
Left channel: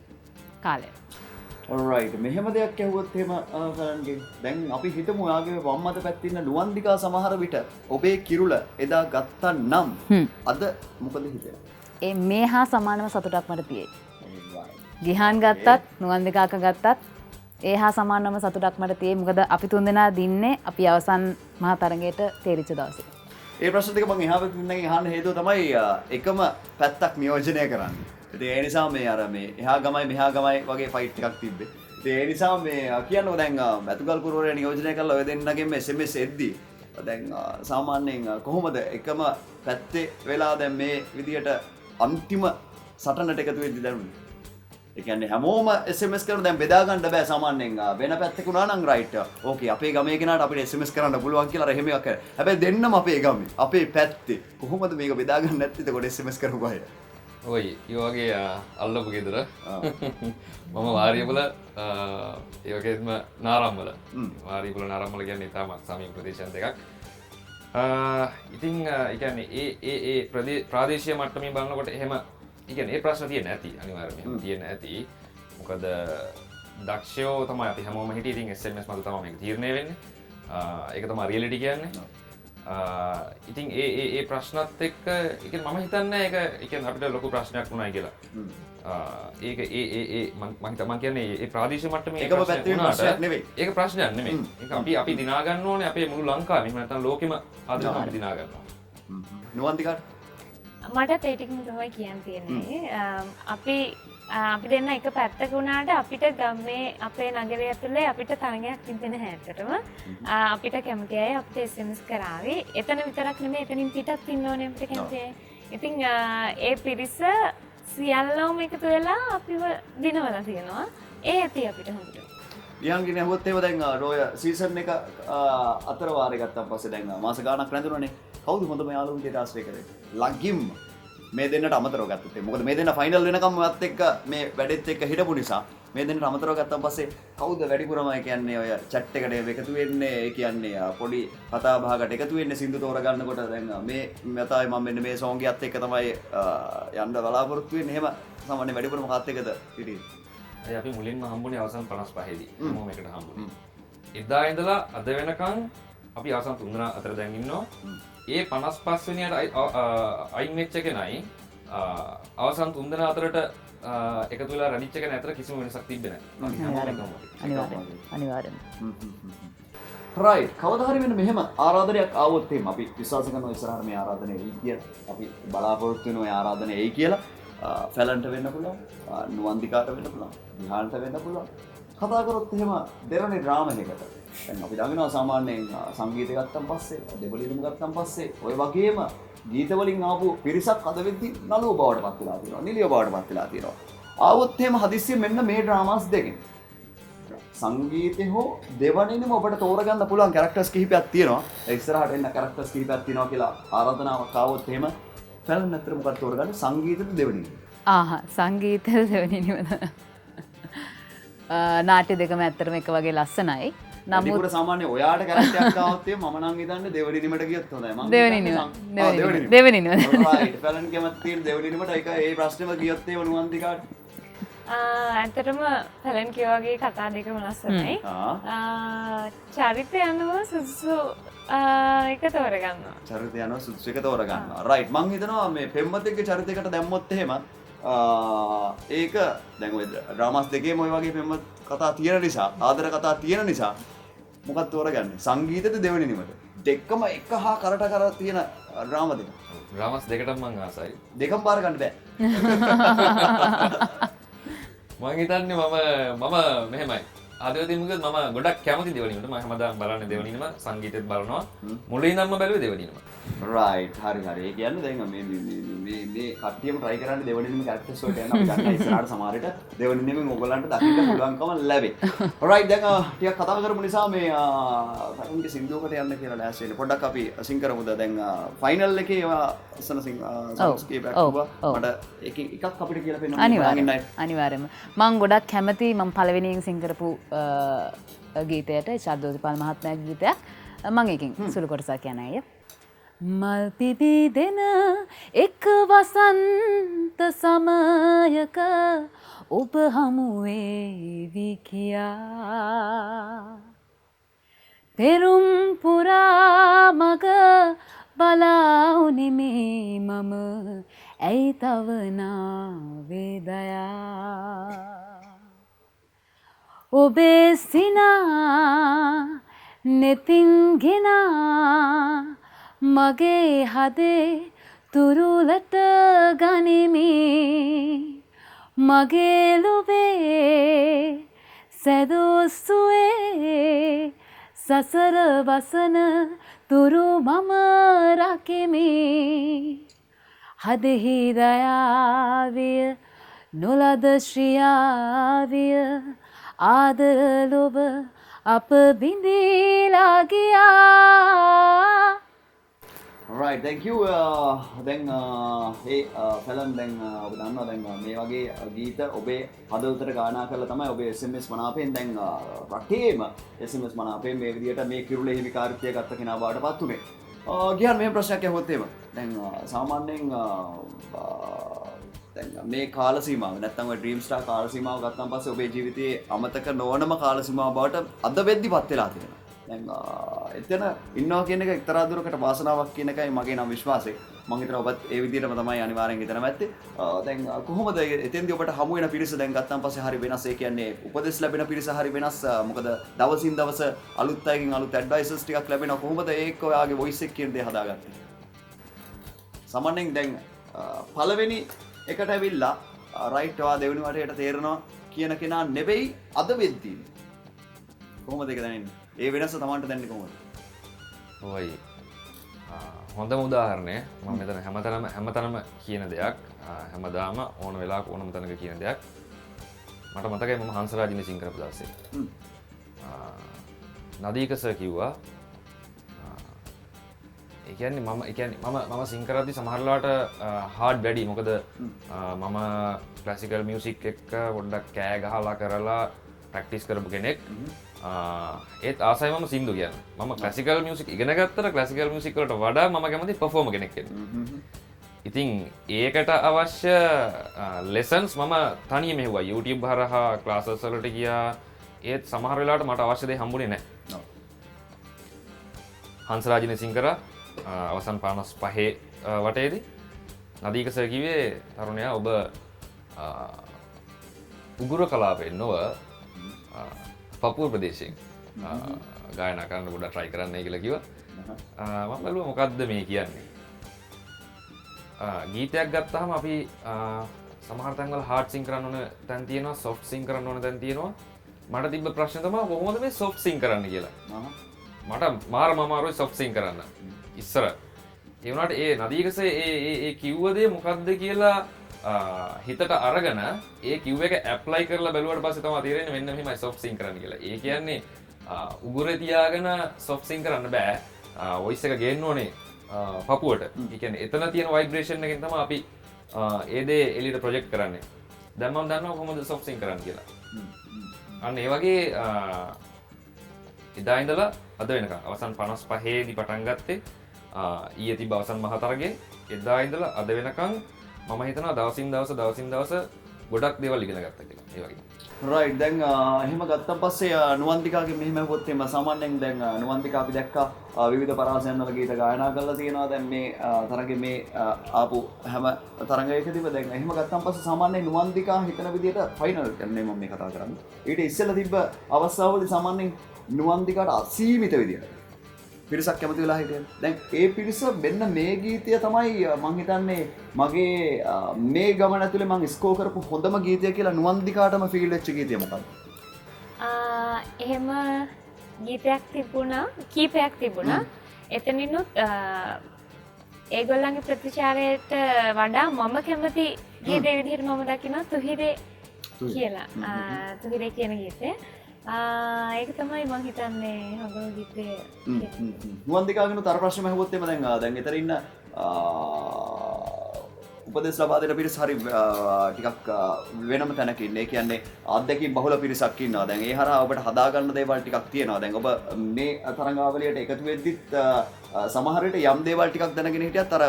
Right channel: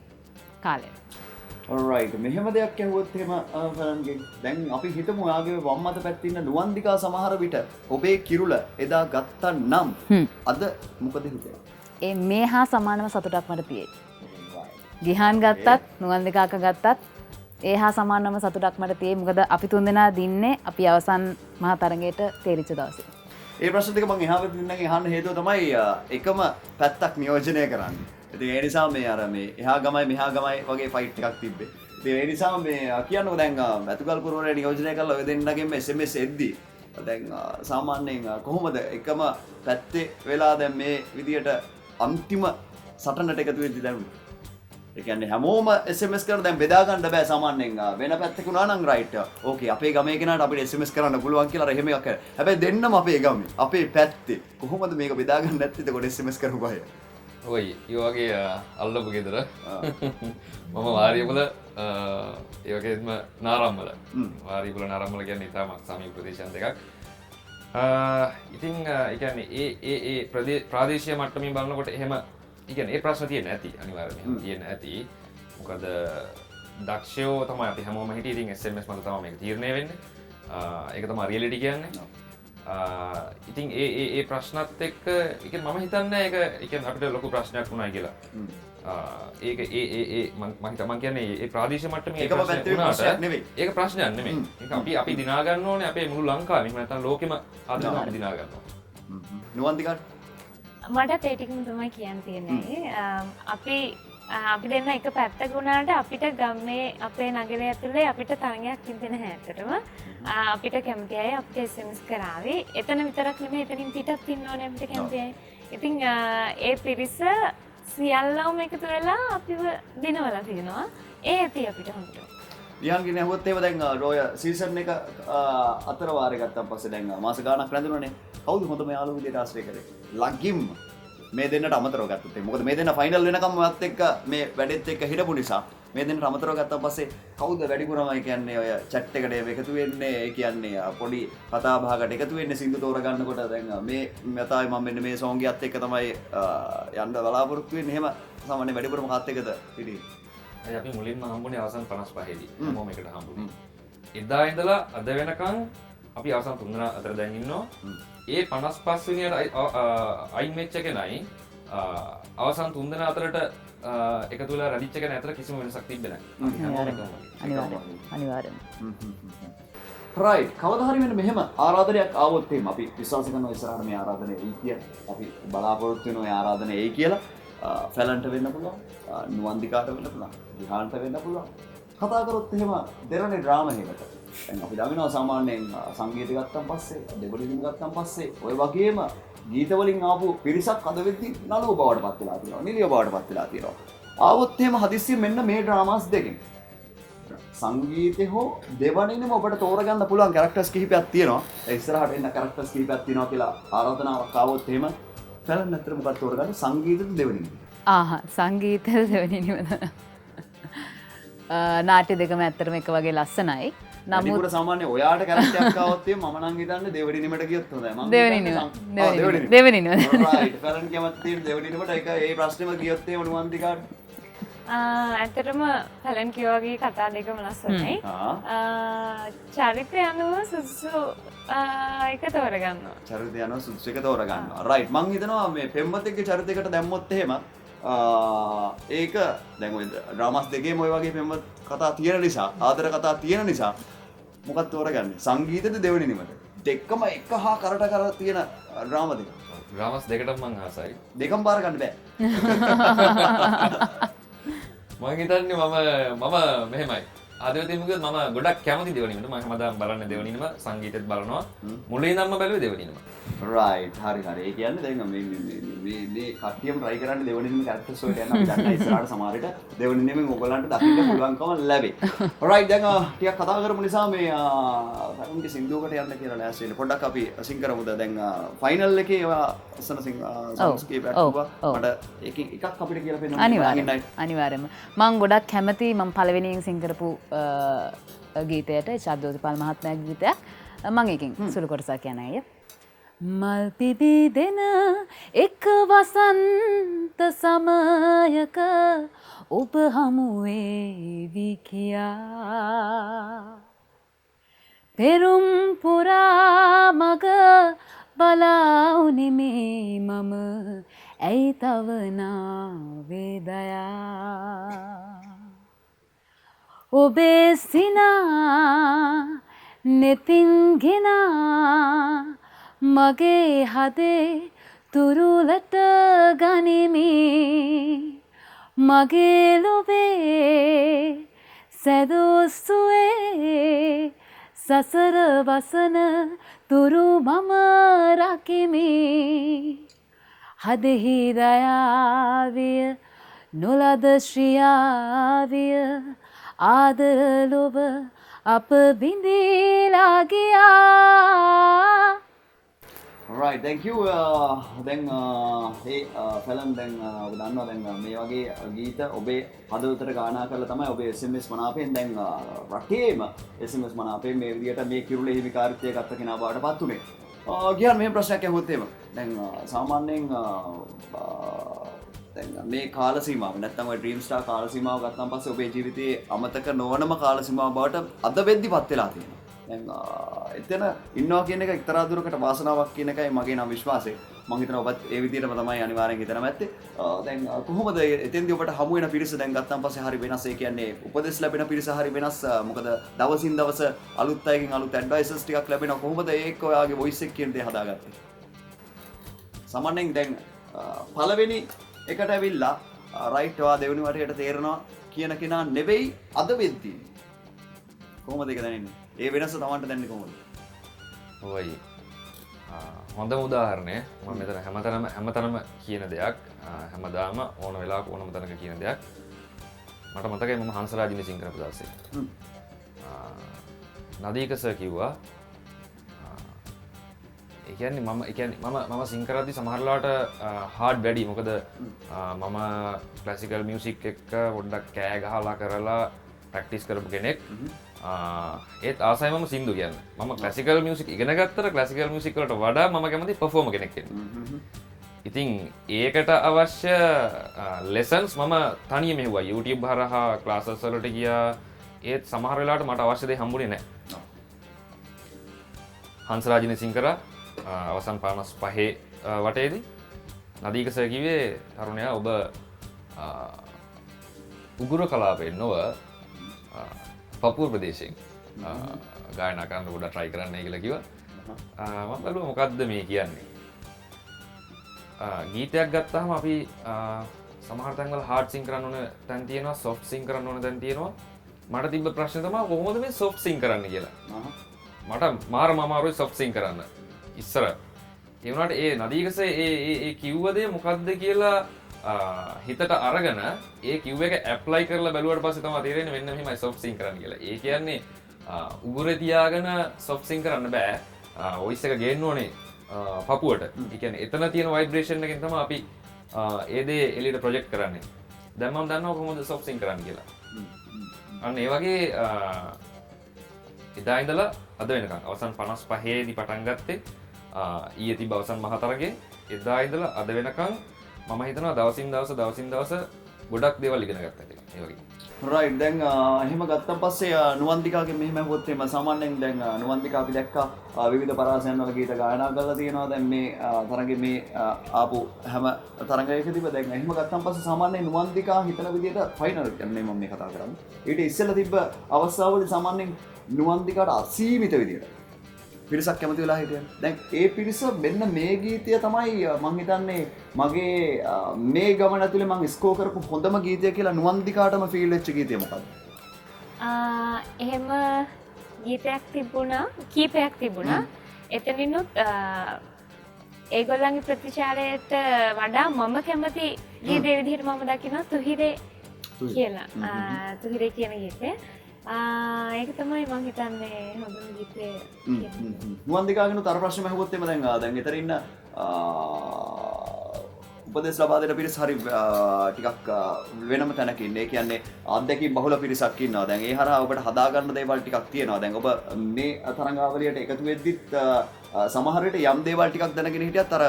කාලය. alright මෙහෙම දෙයක් ඇහුවොත් එහෙම කරන්නේ දැන් අපි හිතමු ඔයාගේ වම් අත පැත්තේ ඉන්න නුවන්දිකා සමහර විට ඔබේ කිරුල එදා ගත්තා නම් අද මොකද හිතෙන්නේ? ඒ මේ හා සමානම සතුටක් මට තියෙයි. ගිහාන් ගත්තත් නුවන්දිකාක ගත්තත් ඒ හා සමානම සතුටක් මට තියෙයි. මොකද අපි තුන්දෙනා දින්නේ අපි අවසන් මහා තරගයට තේරිච්ච දවසේ. ඒ ප්‍රශ්න දෙක මම එහා පැත්තෙන් අහන්න හේතුව තමයි එකම පැත්තක් නියෝජනය කරන්නේ. ඉතින් ඒ නිසා මේ අර මේ එහා ගමයි මෙහා ගමයි වගේ ෆයිට් එකක් තිබ්බේ. ඉතින් ඒ නිසා මේ කියන්නකො දැන් මැතුගල් කුරුවරයා නියෝජනය කරලා ඔය දෙන්නගෙන් SMS එද්දි දැන් සාමාන්‍යයෙන් කොහොමද එකම පැත්තේ වෙලා දැන් මේ විදියට අන්තිම සටනට එකතු වෙද්දි දැනුනේ? ඒ කියන්නේ හැමෝම SMS කරන දැන් බෙදා ගන්න බෑ සාමාන්‍යයෙන් වෙන පැත්තක උනා නම් රයිට් ඕකේ අපේ ගමේ කෙනාට අපිට SMS කරන්න පුළුවන් කියලා එහෙම එකක් කරා. හැබැයි දෙන්නම අපේ ගමේ අපේ පැත්තේ කොහොමද මේක බෙදා ගන්න නැත්තේ? එතකොට SMS කරපු අය. ඔයි ඒ වගේ අල්ලපු ගෙදර මම වාරියපුල ඒ වගේම නාරම්වල වාරියපුල නාරම්වල කියන්නේ තාමත් සමීප ප්‍රදේශයන් දෙකක්. ඉතින් ඒ කියන්නේ ඒ ප්‍රාදේශීය මට්ටමින් බලනකොට එහෙම ඉතින් ඒ ප්‍රශ්න තියෙන ඇති අනිවාර්යයෙන්ම තියෙන ඇති. මොකද දක්ෂයෝ තමයි අපි හැමෝම හිටියේ. ඉතින් SMS මත තමයි මේක තීරණය වෙන්නේ. ඒක තමයි රියැලිටි කියන්නේ. ඉතින් ඒ ප්‍රශ්නත් එක්ක ඒ කියන්නේ මම හිතන්නේ ඒක ඒ කියන්නේ අපිට ලොකු ප්‍රශ්නයක් වුණා කියලා. ඒක මම කියන්නේ ඒ ප්‍රාදේශීය මට්ටමේ ඒකම පැත්තේ ප්‍රශ්නයක් නෙවෙයි. ඒක ප්‍රශ්නයක් නෙමෙයි. ඒක අපි දිනා ගන්න ඕනේ අපේ මුළු ලංකාවෙම. එහෙම නැත්නම් ලෝකෙම ආදරෙන් අපි දිනා ගන්නවා. නුවන්දිකාට මටත් ඒ ටිකම තමයි කියන්න තියෙන්නේ. අපි දෙන්න එක පැත්තක වුණාට අපිට ගමේ අපේ නගරය ඇතුලේ අපිට තරගයක් තිබෙන හැටටම අපිට කැමති අය අපිට SMS කරාවේ. එතන විතරක් නෙමෙයි එතනින් පිටත් ඉන්න ඕනේ අපිට කැමති අය. ඉතින් ඒ පිරිස සියල්ලම එකතු වෙලා අපිව දිනවලා තියෙනවා. ඒ ඇති අපිට හොඳට. ලියන්ගෙන ඇහුවොත් එහෙම දැන් රෝය සීසන් එක අතර වාරේ ගත්තාන් පස්සේ දැන් මාස ගාණක් රැඳුණානේ. කවුද හොඳම යාළුවෝ විදියට ආශ්‍රය කරේ? ලගිම් මේ දෙන්නට අමතරව ගත්තත් මොකද මේ දෙන්න ෆයිනල් වෙනකම් මත් එක්ක මේ වැඩෙත් එක්ක හිටපු නිසා මේ දෙන්නට අමතරව ගත්තාන් පස්සේ කවුද වැඩිපුරම කියන්නේ ඔය chat එකට එකතු වෙන්නේ? ඒ කියන්නේ පොඩි කතා බහකට එකතු වෙන්නේ සින්දු තෝර ගන්නකොට දැන් මේ මතයි මම මෙන්න මේ සෝං ගියත් එක්ක තමයි යන්න බලාපොරොත්තු වෙන්නේ. එහෙම සාමාන්‍ය වැඩිපුරම කාත් එක්කද හිටියේ? අපි මුලින්ම හම්බුනේ අවසන් 55 දී. මොම එකට හම්බුනේ. එදා ඉඳලා අද වෙනකන් අපි අවසන් 3 දෙනා අතර දැන් ඉන්නවා. ඒ 55 වෙනියට අයින් වෙච්ච කෙනයි අවසන් 3 දෙනා අතරට එකතු වෙලා රැඳිච්ච කෙනා අතර කිසිම වෙනසක් තිබ්බේ නැහැ. අනිවාර්යෙන්ම. රයිට්. කවදා හරි මෙන්න මෙහෙම ආරාධනයක් ආවොත් එහෙම අපි විශ්වාස කරනවා ඉස්සරහට මේ ආරාධනය එයි කියලා. අපි බලාපොරොත්තු වෙනවා මේ ආරාධනය එයි කියලා. ෆැලන්ට වෙන්න පුළුවන්, නුවන්දිකාට වෙන්න පුළුවන්, විහාන්ට වෙන්න පුළුවන්. කතා කරොත් එහෙම දෙවනි ඩ්‍රාමා එකකට දැන් අපි දකිනවා සාමාන්‍යයෙන් සංගීතය ගත්තන් පස්සේ, දෙබලිරිම ගත්තන් පස්සේ ඔය වගේම ගීත වලින් ආපු පිරිසක් අද වෙද්දි නළුව බවට පත් වෙලා තියෙනවා, නිලිය බවට පත් වෙලා තියෙනවා. ආවොත් එහෙම හදිස්සියෙන් මෙන්න මේ ඩ්‍රාමාස් දෙකෙන් සංගීතේ හෝ දෙවනින්ම ඔබට තෝරගන්න පුළුවන් කැරක්ටර්ස් කිහිපයක් තියෙනවා. ඒ ඉස්සරහට එන්න කැරක්ටර්ස් කිහිපයක් තියෙනවා කියලා ආරාධනාවක් ආවොත් එහෙම ෆැලන් අතර මොකක්ද තෝරගන්නේ? සංගීතද දෙවනින්ම? සංගීතය දෙවනිනිවද නාට්‍ය දෙකම ඇත්තරම එක වගේ ලස්සනයි. නමුත් සාමාන්‍ය ඔයාට කැරක්ටරයක් ආවොත් මම නම් හිතන්නේ දෙවනිනිමට ගියොත් හොඳයි. මම දෙවනිනිම රයිට් ෆැලන් කැමති තියෙන දෙවනිනිමට ඒක ඒ ප්‍රශ්නේම ගියොත් ඒ නුවන්දිකාට ඇතරම පැලන් කියවගේ කතා දෙකම ලස්සනයි. චරිතය අනුව සුදුසු එක තෝරගන්නවා. චරිතය අනුව සුදුසු එක තෝරගන්නවා. රයිට් මං හිතනවා මේ පෙම්වතෙක්ගේ චරිතයකට දැම්මොත් එහෙම ඒක දැන් ඔය ඩ්‍රාමාස් දෙකේම ඔය වගේ පෙම්වත කතා තියෙන නිසා, ආදර කතා තියෙන නිසා මොකක්ද තෝරගන්නේ? සංගීතද දෙවෙනිනිමද? දෙකම එක හා කරට කර තියෙන ඩ්‍රාමා දෙක. ඩ්‍රාමාස් දෙකටම මං ආසයි. දෙකම බාර ගන්න බෑ. මං හිතන්නේ මම මෙහෙමයි. ආදවදීමක මම ගොඩක් කැමති දෙවනිනට. මම හැමදාම බලන්නේ දෙවනිනම, සංගීතෙත් බලනවා. මුලින්ම බැලුවේ දෙවනිනම. රයිට් හරි. ඒ කියන්නේ දැන් මේ කට්ටියම try කරන්නේ දෙවනිනම characters වලට යන අපි ගන්න ඉස්සරහට සමහරට දෙවනිනමෙන් ඔයගලන්ට දකින්න පුළුවන්කම ලැබේ. රයිට් දැන් ටිකක් කතා කරමු නිසා මේ ෆයිනල් සින්දුවකට යන්න කියලා ලෑස්ති වෙන්න. පොඩ්ඩක් අපි සිං කරමුද දැන් ෆයිනල් එකේ ඒවා අසන songs කීපයක් තිබ්බා. මට එකක් අපිට කියලා පෙන්නන්න අනිවාර්යයෙන්ම මම ගොඩක් කැමති මම පළවෙනියෙන් සිං කරපු ගීතයට ශාද්දෝතිපාල මහත්මයාගේ ගීතයක් මම එකකින් සුළු කොටසක් කියන අය මල් පිබිදෙන එක් වසන්ත සමයක ඔබ හමු වේවි කියා පෙරුම් පුරා මග බලා උනිමේ මම ඇයි තව නාවේදයා ඔබේ සිනා නෙතින්ගෙනා මගේ හදේ තුරුලට ගනිමි මගේ ලොවේ සැදොස්සුවේ සසර වසන තුරු මම රකිමි හදෙහි දයාවිය නොලද ශ්‍රියාවිය ආදර ලොබ අප බිඳීලා ගියා. Right, thank you. දැන් ෆැලන් දැන් ඔබ දන්නවා දැන් මේ වගේ ගීත ඔබේ හදවතට ගායනා කරලා තමයි ඔබේ SMS මනාපයෙන් දැන් රටේම SMS මනාපයෙන් මේ විදිහට මේ කිරුළේ හිමිකාරීත්වය ගත්ත කෙනා බවට පත් උනේ. ගියන් මෙහෙම ප්‍රශ්නයක් ඇහුවොත් එහෙම දැන් සාමාන්‍යයෙන් දැන් මේ කාල සීමාව නැත්නම් ඔය ඩ්‍රීම් ස්ටාර් කාල සීමාව ගත්තාන් පස්සේ ඔබේ ජීවිතයේ අමතක නොවනම කාල සීමාව බවට අද වෙද්දි පත් වෙලා තියෙනවා. දැන් එතන ඉන්නවා කියන එක එක්තරා දුරකට වාසනාවක් කියන එකයි මගේ නම් විශ්වාසය. මම හිතනවා ඔබත් ඒ විදිහටම තමයි අනිවාර්යෙන් හිතන මැත්තේ. දැන් කොහොමද එතෙන්දී ඔබට හමු වෙන පිරිස දැන් ගත්තාන් පස්සේ හරි වෙනස්. ඒ කියන්නේ උපදෙස් ලැබෙන පිරිස හරි වෙනස්. මොකද දවසින් දවස අලුත් අයකින් අලුත් ඇඩ්වයිසර්ස් ටිකක් ලැබෙනවා. කොහොමද ඒක ඔයාගේ වොයිස් එක කියන දේ හදාගත්තේ? සාමාන්‍යයෙන් දැන් පළවෙනි එකට ඇවිල්ලා රයිට් ඔයා දෙවෙනි වටේට තේරෙනවා කියන කෙනා නෙවෙයි අද වෙද්දී. කොහොමද ඒක දැනෙන්නේ? ඒ වෙනස තමන්ට දැනෙන්නේ කොහොමද? ඔයි හොඳම උදාහරණය මම මෙතන හැමතැනම කියන දෙයක් හැමදාම ඕන වෙලාවක ඕනම තැනක කියන දෙයක් මට මතකයි මම හංසරාජිනි සිං කරපු දවසේ නදීක සර් කිව්වා ඒ කියන්නේ මම සිං කරද්දි සමහර වෙලාවට හાર્ඩ් වැඩි මොකද මම ක්ලාසිකල් මියුසික් එක්ක පොඩ්ඩක් කෑ ගහලා කරලා ප්‍රැක්ටිස් කරපු කෙනෙක් ඒත් ආසයි මම සින්දු කියන්න මම ක්ලාසිකල් මියුසික් ඉගෙන ගත්තට ක්ලාසිකල් මියුසික් වලට වඩා මම කැමති පර්ෆෝමර් කෙනෙක් වෙන්න. ඉතින් ඒකට අවශ්‍ය ලෙසන්ස් මම තනියම හෙව්වා YouTube හරහා ක්ලාසස් වලට ගියා. ඒත් සමහර වෙලාවට මට අවශ්‍ය දේ හම්බුනේ නැහැ. හංසරාජිනි සිං කරා අවසන් 55 වටේදී නදීක සර් කිව්වේ තරුණයා ඔබ උගුර කලාපයෙන් නොව පපුව ප්‍රදේශයෙන් ගායනා කරන්න ගොඩක් try කරන්නයි කියලා කිව්වා. මම බැලුවා මොකද්ද මේ කියන්නේ. ගීතයක් ගත්තාම අපි සමහර තැන්වල hard sync කරන්න ඕන තැන් තියෙනවා soft sync කරන්න ඕන තැන් තියෙනවා මට තිබ්බ ප්‍රශ්නේ තමයි කොහොමද මේ soft sync කරන්න කියලා මට මාරම අමාරුයි soft sync කරන්න ඉස්සර ඒ වුණාට ඒ නදීකසේ ඒ කිව්ව දේ මොකක්ද කියලා හිතට අරගෙන ඒ කිව් එක ඇප්ලයි කරලා බැලුවට පස්සේ තමයි තේරෙන්නේ මෙන්න මෙහෙමයි soft sync කරන්න කියලා. ඒ කියන්නේ උගුරේ තියාගෙන soft sync කරන්න බෑ. voice එක ගේන්න ඕනේ පපුවට. ඒ කියන්නේ එතන තියෙන vibration එකෙන් තමයි අපි ඒ දේ එළියට ප්‍රොජෙක්ට් කරන්නේ. දැන් මම දන්නවා කොහොමද soft sync කරන්න කියලා. අන්න ඒ වගේ එදා ඉඳලා අද වෙනකම් අවසන් 55 දී පටන් ගත්තේ ඊයේ තිබ්බ අවසන් මහ තරගයේ එදා ඉඳලා අද වෙනකම් මම හිතනවා දවසින් දවස ගොඩක් දේවල් ඉගෙන ගත්තා කියලා. ඒ වගේ. රයිට් දැන් එහෙම ගත්තන් පස්සේ නුවන්තිකාගේ මෙහෙම හොත් එම සාමාන්‍යයෙන් දැන් නුවන්තිකා අපි දැක්කා විවිධ පරාසයන් වල ගීත ගායනා කරලා තියෙනවා. දැන් මේ තරගේ මේ ආපු හැම තරගයකදීම දැන් එහෙම ගත්තන් පස්සේ සාමාන්‍යයෙන් නුවන්තිකා හිතන විදිහට ෆයිනල් යන්නේ මම මේ කතා කරන්නේ. ඊට ඉස්සෙල්ලා තිබ්බ අවස්ථාවවලදී සාමාන්‍යයෙන් නුවන්තිකාට අසීමිත විදිහට පිරිසක් කැමති වෙලා හිටියන. දැන් ඒ පිරිස මෙන්න මේ ගීතය තමයි මං හිතන්නේ මගේ මේ ගමන ඇතුලේ මං ස්කෝර් කරපු හොඳම ගීතය කියලා නුවන්දිකාටම ෆීල් වෙච්ච ගීතය මොකක්ද? එහෙම ගීතයක් තිබුණා, කීපයක් තිබුණා. එතනිනුත් ඒගොල්ලන්ගේ ප්‍රතිචාරයට වඩා මම කැමති ගීතේ විදිහට මම දකිනවා තුහිරේ කියලා. තුහිරේ කියන ගීතය. ඒක තමයි මං හිතන්නේ හොඳම ගීතය. නුවන්දිකාගෙන තර ප්‍රශ්න අහුවොත් එම දැන් ඊතර ඉන්න උපදෙස් ලබා දෙන පිරිස හරි ටිකක් වෙනම තැනක ඉන්නේ. ඒ කියන්නේ අත්දැකීම් බහුල පිරිසක් ඉන්නවා. දැන් ඒ හරහා ඔබට හදා ගන්න දේවල් ටිකක් තියෙනවා. දැන් ඔබ මේ තරඟාවලියට එකතු වෙද්දිත් සමහර විට යම් දේවල් ටිකක් දැනගෙන හිටියත් අර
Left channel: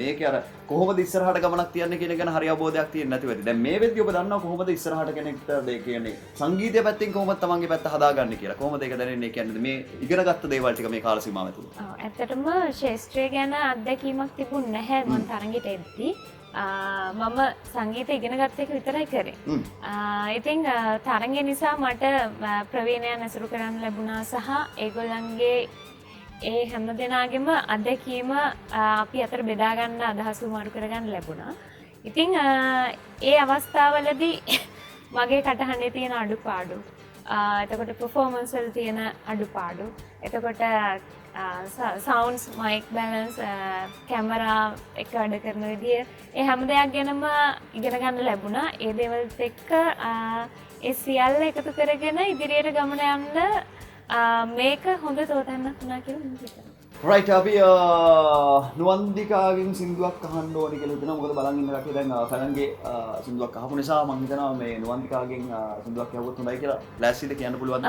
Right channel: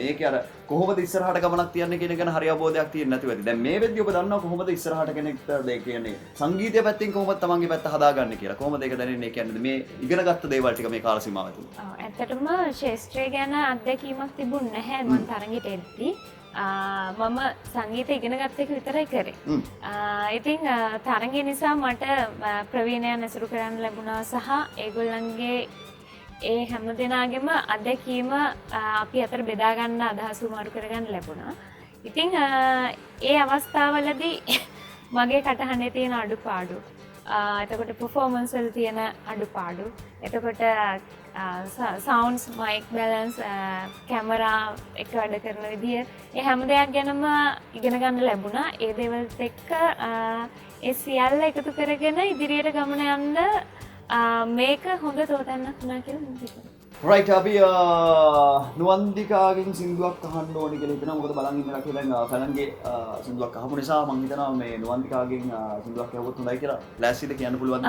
මේකේ අර කොහොමද ඉස්සරහට ගමනක් තියන්නේ කියන එක ගැන හරි අවබෝධයක් තියෙන්නේ නැති වෙද්දි. දැන් මේ වෙද්දි ඔබ දන්නවා කොහොමද ඉස්සරහට කෙනෙක්ට ඒ කියන්නේ සංගීතය පැත්තෙන් කොහොමද තමන්ගේ පැත්ත හදාගන්නේ කියලා. කොහොමද ඒක දැනෙන්නේ කියන්නේ මේ ඉගෙනගත්ත දේවල් ටික මේ කාල සීමාව ඇතුළත. ඔව් ඇත්තටම ශාස්ත්‍රය ගැන අත්දැකීමක් තිබුණ නැහැ මම තරඟෙට එද්දී. මම සංගීත ඉගෙන ගත්ත එක විතරයි කරේ. ඉතින් තරඟය නිසා මට ප්‍රවීණයන් ඇසුරු කරන්න ලැබුණා සහ ඒගොල්ලන්ගේ ඒ හැම දෙනාගේම අත්දැකීම අපි අතර බෙදා ගන්න අදහස් මාරු කරගන්න ලැබුණා. ඉතින් ඒ අවස්ථාවලදී මගේ කටහඬේ තියෙන අඩුපාඩු, එතකොට performance වල තියෙන අඩුපාඩු, එතකොට සවුන්ඩ්ස්, මයික් බැලන්ස්, කැමරා එක වැඩ කරන විදිය, ඒ හැම දෙයක් ගැනම ඉගෙන ගන්න ලැබුණා. ඒ දේවල්ත් එක්ක ඒ සියල්ල එකතු කරගෙන ඉදිරියට ගමන යන්න මේක හොඳ තෝතැන්නක් වුණා කියලා මම හිතනවා. රයිට් අපි නුවන්දිකාගෙන් සින්දුවක් අහන්න ඕනේ කියලා හිතනවා. මොකද බලන් ඉන්න කට්ටිය දැන් ෆැලන්ගේ සින්දුවක් අහපු නිසා මම හිතනවා මේ නුවන්දිකාගෙන් සින්දුවක් ඇහුවොත් හොඳයි කියලා ලෑස්තිද කියන්න පුළුවන්ද?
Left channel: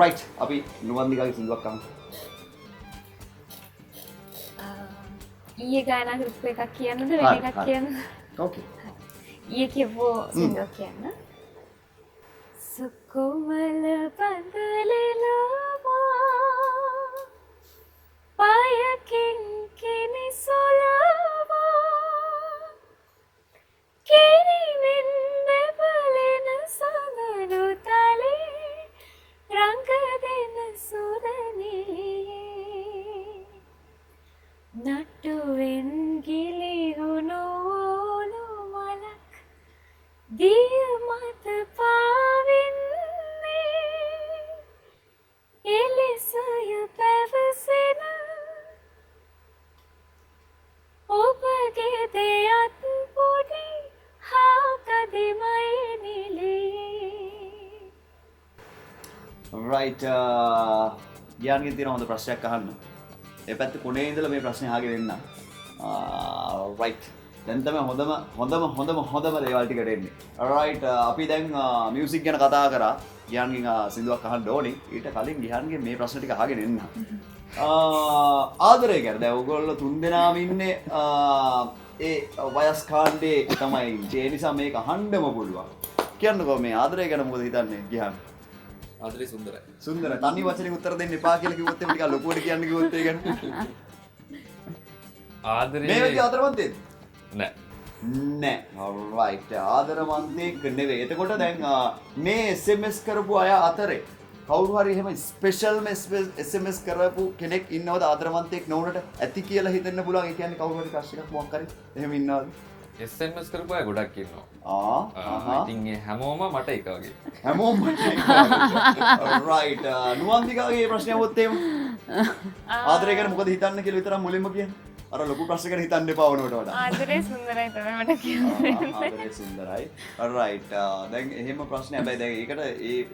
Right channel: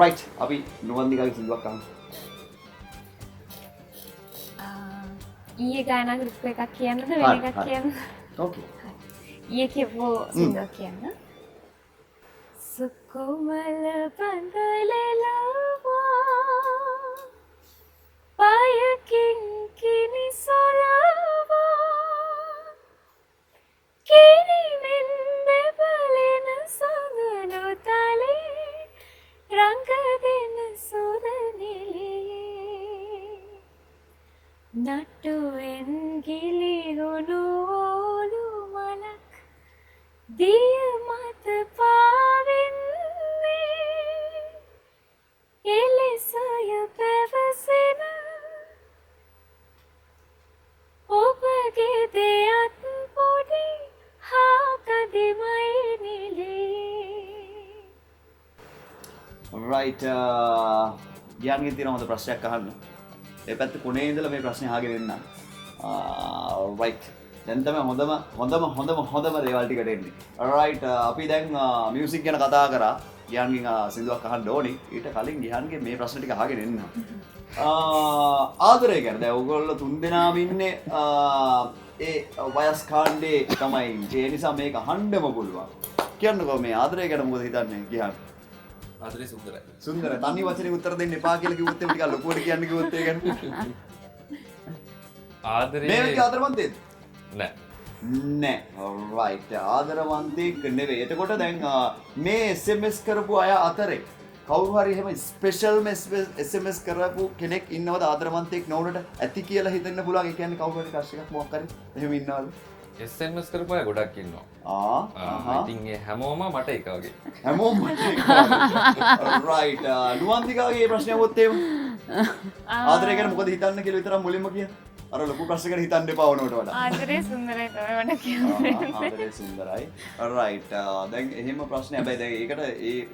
රයිට් අපි නුවන්දිකාගේ සින්දුවක් අහමු. ඊයේ ගායනා කරපු එකක් කියන්නද වෙන එකක් කියන්නද? ඕකේ. ඊයේ කියපු සින්දුවක් කියන්න. සුකුමල බඳලෙලවා පයකින් කිනිසොලවා කිරිවෙන් බැබලෙන සඳලු තලේ රංග දෙන සුරණියේ නටුවෙන් ගිලිහුණු ඕලු මලක් දිය මත පාවෙන්නේ එලෙසය පැවසෙන ඔබගේ දෙයත් පොඩි හාකදිමයි නිලේ. රයිට් ගියන්ගෙන් තියෙන හොඳ ප්‍රශ්නයක් අහන්න. ඒ පැත්ත කොනේ ඉඳලා මේ ප්‍රශ්නේ අහගෙන එන්න. රයිට්. දැන් තමයි හොඳම දේවල් ටිකට එන්නේ. රයිට් අපි දැන් මියුසික් ගැන කතා කරා. ගියන්ගෙන් සින්දුවක් අහන්න ඕනේ. ඊට කලින් ගියන්ගෙන් මේ ප්‍රශ්න ටික අහගෙන එන්න. ආදරය ගැන දැන් ඔයගොල්ලෝ තුන්දෙනාම ඉන්නේ ඒ වයස් කාණ්ඩේ තමයි. ඒ නිසා මේක අහන්නම පුළුවන්. කියන්නකෝ මේ ආදරය ගැන මොකද හිතන්නේ ගියන්? ආදරේ සුන්දරයි. සුන්දරයි. තනි වචනෙන් උත්තර දෙන්න එපා කියලා කිව්වොත් එමු ටිකක් ලොකුවට කියන්න කිව්වොත් ඒ ගැන. ආදරේ මේ වගේ ආදරවන්තයෙක් නෑ. නෑ. රයිට්. ආදරවන්තයෙක් නෙවෙයි. එතකොට දැන් මේ SMS කරපු අය අතරේ කවුරු හරි එහෙම ස්පෙෂල්ම SMS කරපු කෙනෙක් ඉන්නවද ආදරවන්තයෙක් නොවුනට ඇති කියලා හිතෙන්න පුළුවන්. ඒ කියන්නේ කවුරු හරි ක්‍රෂ් එකක් මොකක් හරි එහෙම ඉන්නවද? SMS කරපු අය ගොඩක් ඉන්නවා. ඉතින් ඒ හැමෝම මට එක වගේ. හැමෝම රයිට්. නුවන්දිකාගේ ප්‍රශ්නය වොත් එහෙම. ආදරය ගැන මොකද හිතන්න කියලා විතරක් මුලින්ම කියන්නේ. අර ලොකු ප්‍රශ්න ගැන හිතන්න එපා වුණාට වඩා. ආදරේ සුන්දරයි තමයි මට කියන්නේ. ආදරේ සුන්දරයි. රයිට්. දැන් එහෙම ප්‍රශ්නයක් හැබැයි දැන් ඒකට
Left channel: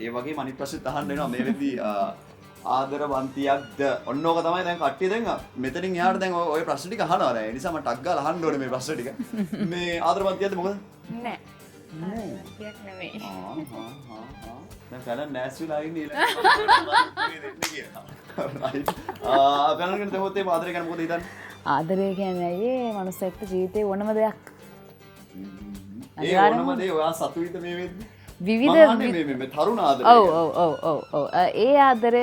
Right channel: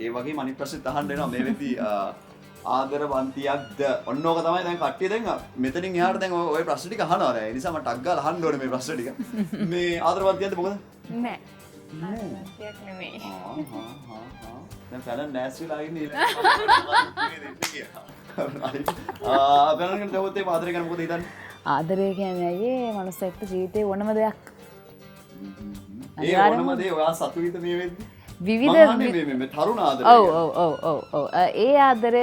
ඒ වගේම අනිත් ප්‍රශ්නෙත් අහන්න වෙනවා මේ වෙද්දී ආදරවන්තියක්ද ඔන්න ඕක තමයි දැන් කට්ටිය දැන් මෙතනින් එහාට දැන් ඔය ප්‍රශ්න ටික අහනවා දැන් ඒ නිසා මම ටක් ගාලා අහන්න ඕනේ මේ ප්‍රශ්න ටික මේ ආදරවන්තියක්ද මොකද නෑ. ආදරවන්තියක් නෙමෙයි. දැන් කලන් නැස් වෙලා ඉන්නේ රයිට් කලන් ගැන තවොත් ඒ ආදරය ගැන මොකද හිතන්නේ ආදරය කියන්නේ අයියේ මනුස්සයෙක්ට ජීවිතේ ඕනම දෙයක් ඒ ඕනම දේ ඔයා සතුටින්ද මේ වෙද්දී විවිධ මේ තරුණ ආදරය ඔව් ඒ ආදරය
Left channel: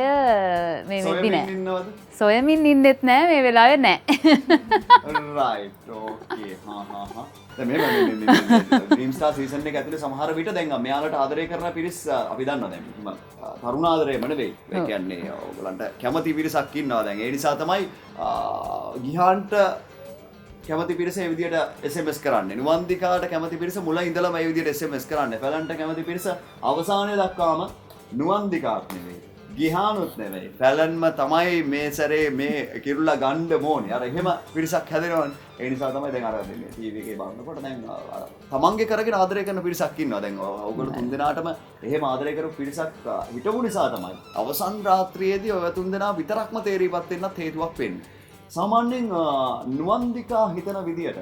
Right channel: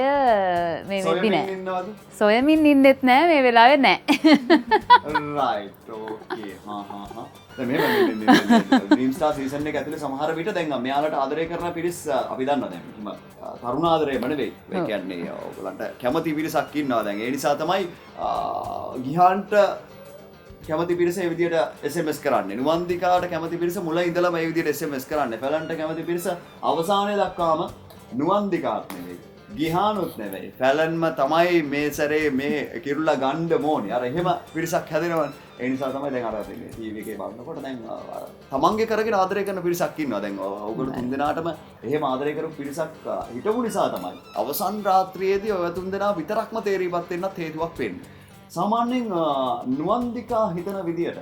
මේ වෙද්දි නෑ ඉන්නවද සොයමින් ඉන්නෙත් නෑ මේ වෙලාවේ නෑ රයිට් ඕකේ දැන් මේ ඩ්‍රීම් ස්ටාර් සීසන් එක ඇතුලේ සමහර විට දැන් මෙයාලට ආදරය කරන පිරිස් අපි දන්නවා දැන් තරුණ ආදරයම නෙවෙයි ඒ කියන්නේ ඔයගලන්ට කැමති පිරිසක් ඉන්නවා දැන් ඒ නිසා තමයි ගිහාන්ට කැමති පිරිස ඒ විදියට SMS කරන්නේ. නුවන්දිකාට කැමති පිරිස මුල ඉඳලම ඒ විදියට SMS කරන්නේ. පැලන්ට කැමති පිරිස අවසානයේ දක්වාම නුවන්දිකාත් නෙවෙයි. ගිහානුත් නෙවෙයි. පැලන්ම තමයි මේ සැරේ මේ කිරුල්ලා ගන්න ඕනේ. අර එහෙම පිරිසක් හැදෙනවනේ. ඒ නිසා තමයි දැන් අර මේ TV එකේ බලනකොට දැන් තමන්ගේ කරගෙන ආදරය කරන පිරිසක් ඉන්නවා. දැන් ඔයගොල්ලෝ තුන්දෙනාටම එහෙම ආදරය කරපු පිරිසක් හිටපු නිසා තමයි අවසන් රාත්‍රියේදී ඔය තුන්දෙනා විතරක්ම තේරීපත් වෙන්නත් හේතුවක් වෙන්නේ. සාමාන්‍යයෙන් නුවන්දිකා හිතන විදියට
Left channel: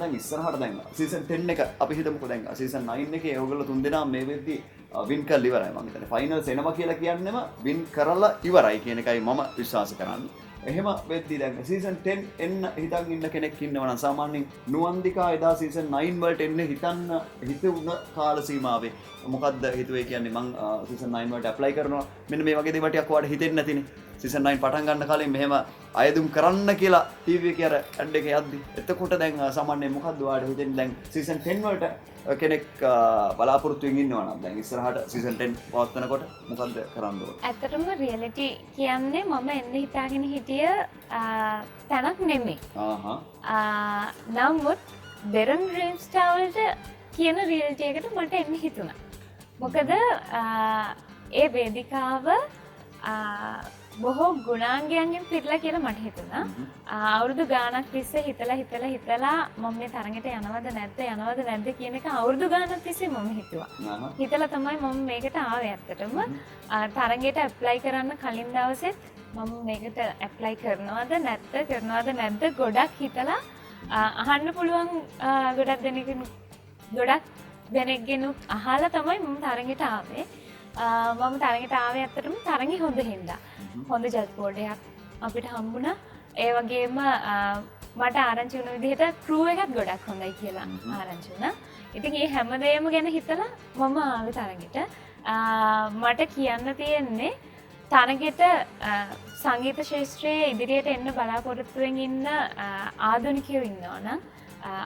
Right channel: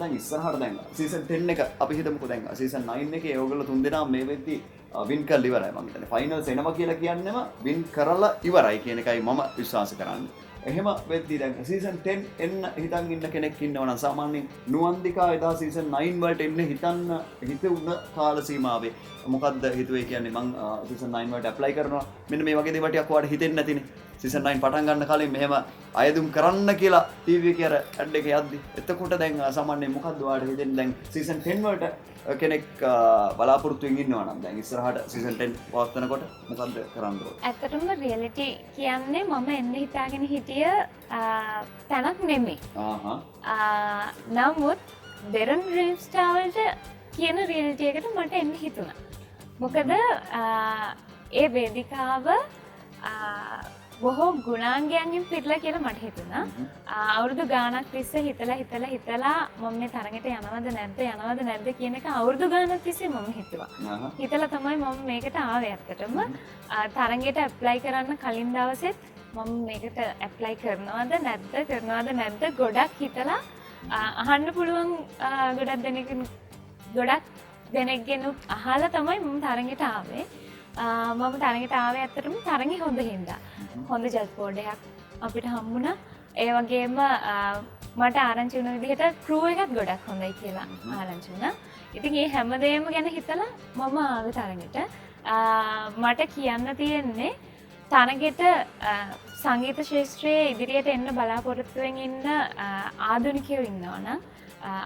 දැන් ඉස්සරහට දැන් සීසන් 10 එක අපි හිතමුකෝ දැන් සීසන් 9 එකේ ඔයගොල්ලෝ තුන්දෙනා මේ වෙද්දී වින් කරලා ඉවරයි මම හිතන්නේ ෆයිනල්ස් එනවා කියලා කියන්නේම වින් කරලා ඉවරයි කියන එකයි මම විශ්වාස කරන්නේ. එහෙම වෙද්දී දැන් සීසන් 10 එන්න හිතන් ඉන්න කෙනෙක් ඉන්නවා නම් සාමාන්‍යයෙන් නුවන්දිකා එදා සීසන් 9 වලට එන්න හිතුණ කාල සීමාවේ මොකද්ද හිතුවේ කියන්නේ මං සීසන් 9 වලට ඇප්ලයි කරනවා මෙන්න මේ වගේ දේවල් ටිකක් ඔයාලට හිතෙන්නේ නැතිනේ. සීසන් 9 පටන් ගන්න කලින් මෙහෙම අයදුම් කරන්න කියලා TV එකේ අර ඇඩ් එක යද්දි එතකොට දැන් සාමාන්‍යයෙන් මොකද්ද ඔයාලට හිතෙන්නේ දැන් සීසන් 10 වලට කෙනෙක් බලාපොරොත්තු වෙමින් ඉන්නවා නම් දැන් ඉස්සරහට සීසන් 10 පවත්වනකොට මොකද්ද කරන්න ඕනේ? ඇත්තටම රියැලිටි කියන්නේ මම එන්න හිතාගෙන හිටිය තැනක් නෙමෙයි. නමුත් දෙරන් ඩ්‍රීම් ස්ටාර් වලට කියන රියැලිටි එකට මට එන්න හිතුණා. මොකද ඒ වේදිකාව බොහෝ ගුණාංගයන්ගෙන් පිරලා කියලා මට හිතුණා. අවුරුදු ගාණක් තිස්සේ හිතලා මම මේ තරඟට යනවද නැද්ද කියන එක අවුරුදු ගාණක් තිස්සේ මම හිතුවා. හිතලා තමයි මම මේකට ආවේ ඇත්තටම. තරඟයට ඇප්ලයි කරන්න කලින් දවසෙත් මම මේකට ඇප්ලයි කරනවද නැද්ද ගොඩක් හිතලා අහන්න පුළුවන් ගොඩක් දෙනෙක්ගෙන් අහලා තමයි මම තරඟයට ආවේ. මම තරඟට ආවේ ඇත්තටම තරඟි හොඳ හින්දා. හොඳ ජජ් බෝඩයක් අපිට හම්බුණා. ඒ වගේම මට ආරංචි වුණ විදිහට ක්‍රූ එකත් ගොඩක් හොඳයි කියලා ආරංචි වුණා. ඉතින් මේ හැමදේම ගැන හිතලා මම ආවේ තරඟෙට. මට කියන්න තියෙන්නේ තරඟෙට සංගීත ශාස්ත්‍රයේ ඉදිරියට එන්න බලාපොරොත්තුවෙන් ඉන්න ආධුනිකයෝ ඉන්නවා නම්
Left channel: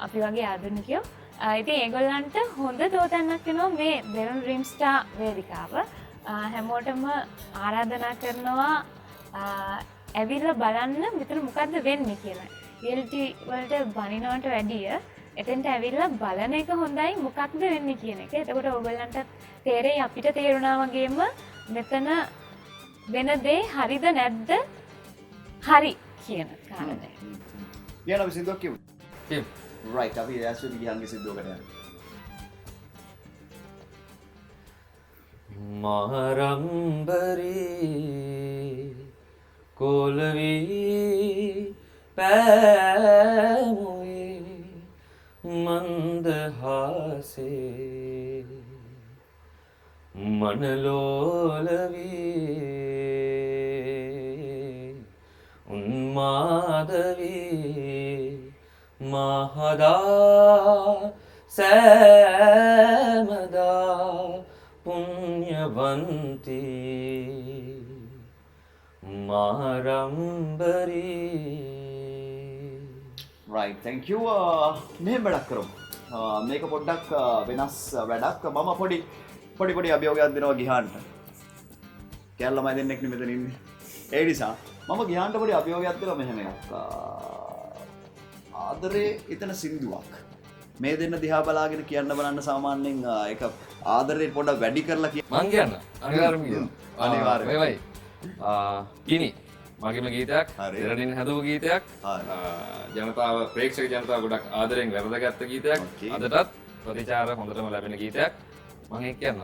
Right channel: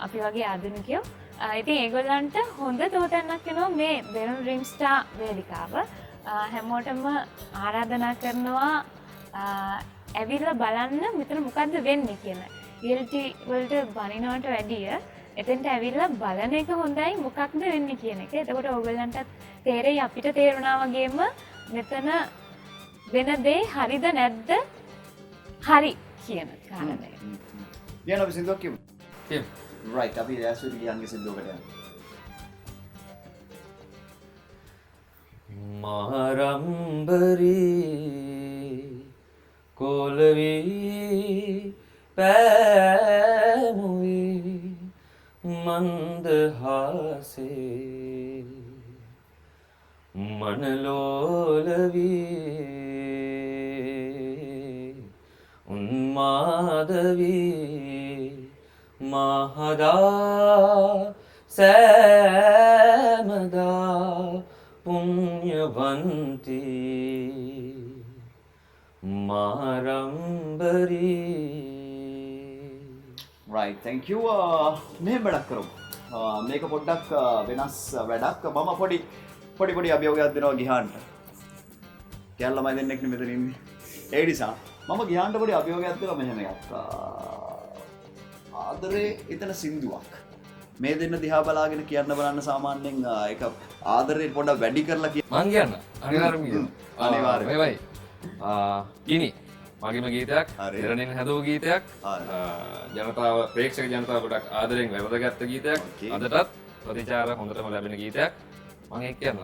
අපි වගේ ආධුනිකයෝ ඉතින් ඒගොල්ලන්ට හොඳ දෝතන්නක් වෙනවා මේ දෙරන් ඩ්‍රීම් ස්ටාර් වේදිකාව. හැමෝටම ආරාධනා කරනවා ඇවිල්ලා බලන්න මෙතන මොකද්ද වෙන්නේ කියලා. රියැලිටි වලට බනිනවට වැඩිය එතෙන්ට ඇවිල්ලා බලන එක හොඳයි මොකක්ද වෙන්නේ කියන එක. එතකොට ඕගොල්ලන්ට තේරෙයි අපිට තේරුණා වගේම මෙතන වෙන දේ හරිද නැද්ද හරි කියන කාරණය. ඊයන අපි සින්දුවක් කියමු. Right, අපි ඇස්වලි ගියන්ගේ සිද්දුවකට යන්න. මහරම්බරේ කොළවී පෑමුවේ මන්දහාසේ මනලෝලවී උන්මාදවී මහදා සෑමදා පුණ්‍යවන්ති මහරම්බරී. Right, thank you. මෙහෙම වැඩක් කරමු. මේක පොඩ්ඩක් වෙනස් වැඩක්. මම පොඩි අභියෝගයක් දෙනවා ගිහාන්ට. කැල් ළමයි දෙන්නෙක් නේ මෙතන ඉන්නේ. ඒ නිසා මම ගිහාන්ට පොඩි අභියෝගයක් දෙනවා මෙහෙම එකක්. ආදරේ එතන සින්දුවක්. මේ දෙන්න දිහා බලාගෙන කියන්න බලන්න සාමාන්‍යයෙන් ඒක ආදරේ පොඩ්ඩක් වැඩි කරලා මං කියන්න අනිවාර්යයෙන්ම කියන්න. අනිවාර්යයෙන්. මේවයි. කිනි මගේම ගීතයක් හරි. දෙරණින් හැදුව ගීතයක් හරි. ජනතාව ප්‍රේක්ෂක ජනතාව ගොඩක් ආදරෙන් වැරදගත්ත ගීතයක් Okay. අදටත් ප්‍රතිචාර හොඳටම ලැබෙන ගීතයක් මම ඒක කියන්න.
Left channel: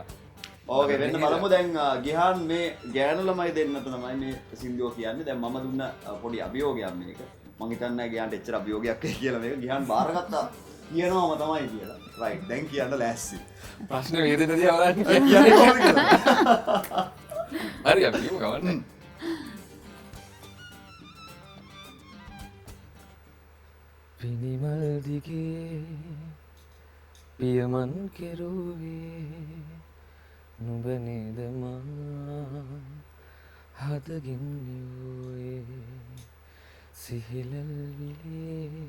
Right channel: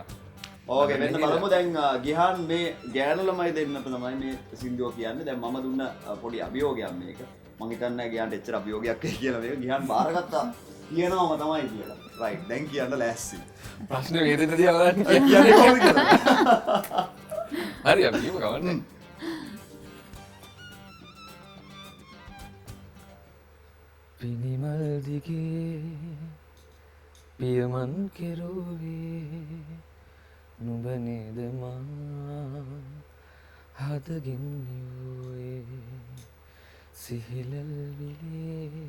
ඕකේ වෙන්න බලමු දැන් ගිහාන් මේ ගෑනු ළමයි දෙන්නට තමයි මේ සින්දුව කියන්නේ. දැන් මම දුන්න පොඩි අභියෝගයක් මේක. මං හිතන්නේ ගිහාන්ට එච්චර අභියෝගයක් වෙයි කියලා මේක. ගිහාන් බාරගත්තා කියනවාම තමයි කියලා. රයිට් දැන් කියන්න ලෑස්ති. ප්‍රශ්න වේදෙන දිහා බලන්න කියන්නේ කොහොමද කියලා? හරි අපි කියමු ගවන්න. පිනිමල් දිගේ පියමන් කෙරුවේ නුඹ නේද මා හදගින් යුවේ සිහිලල් විලේ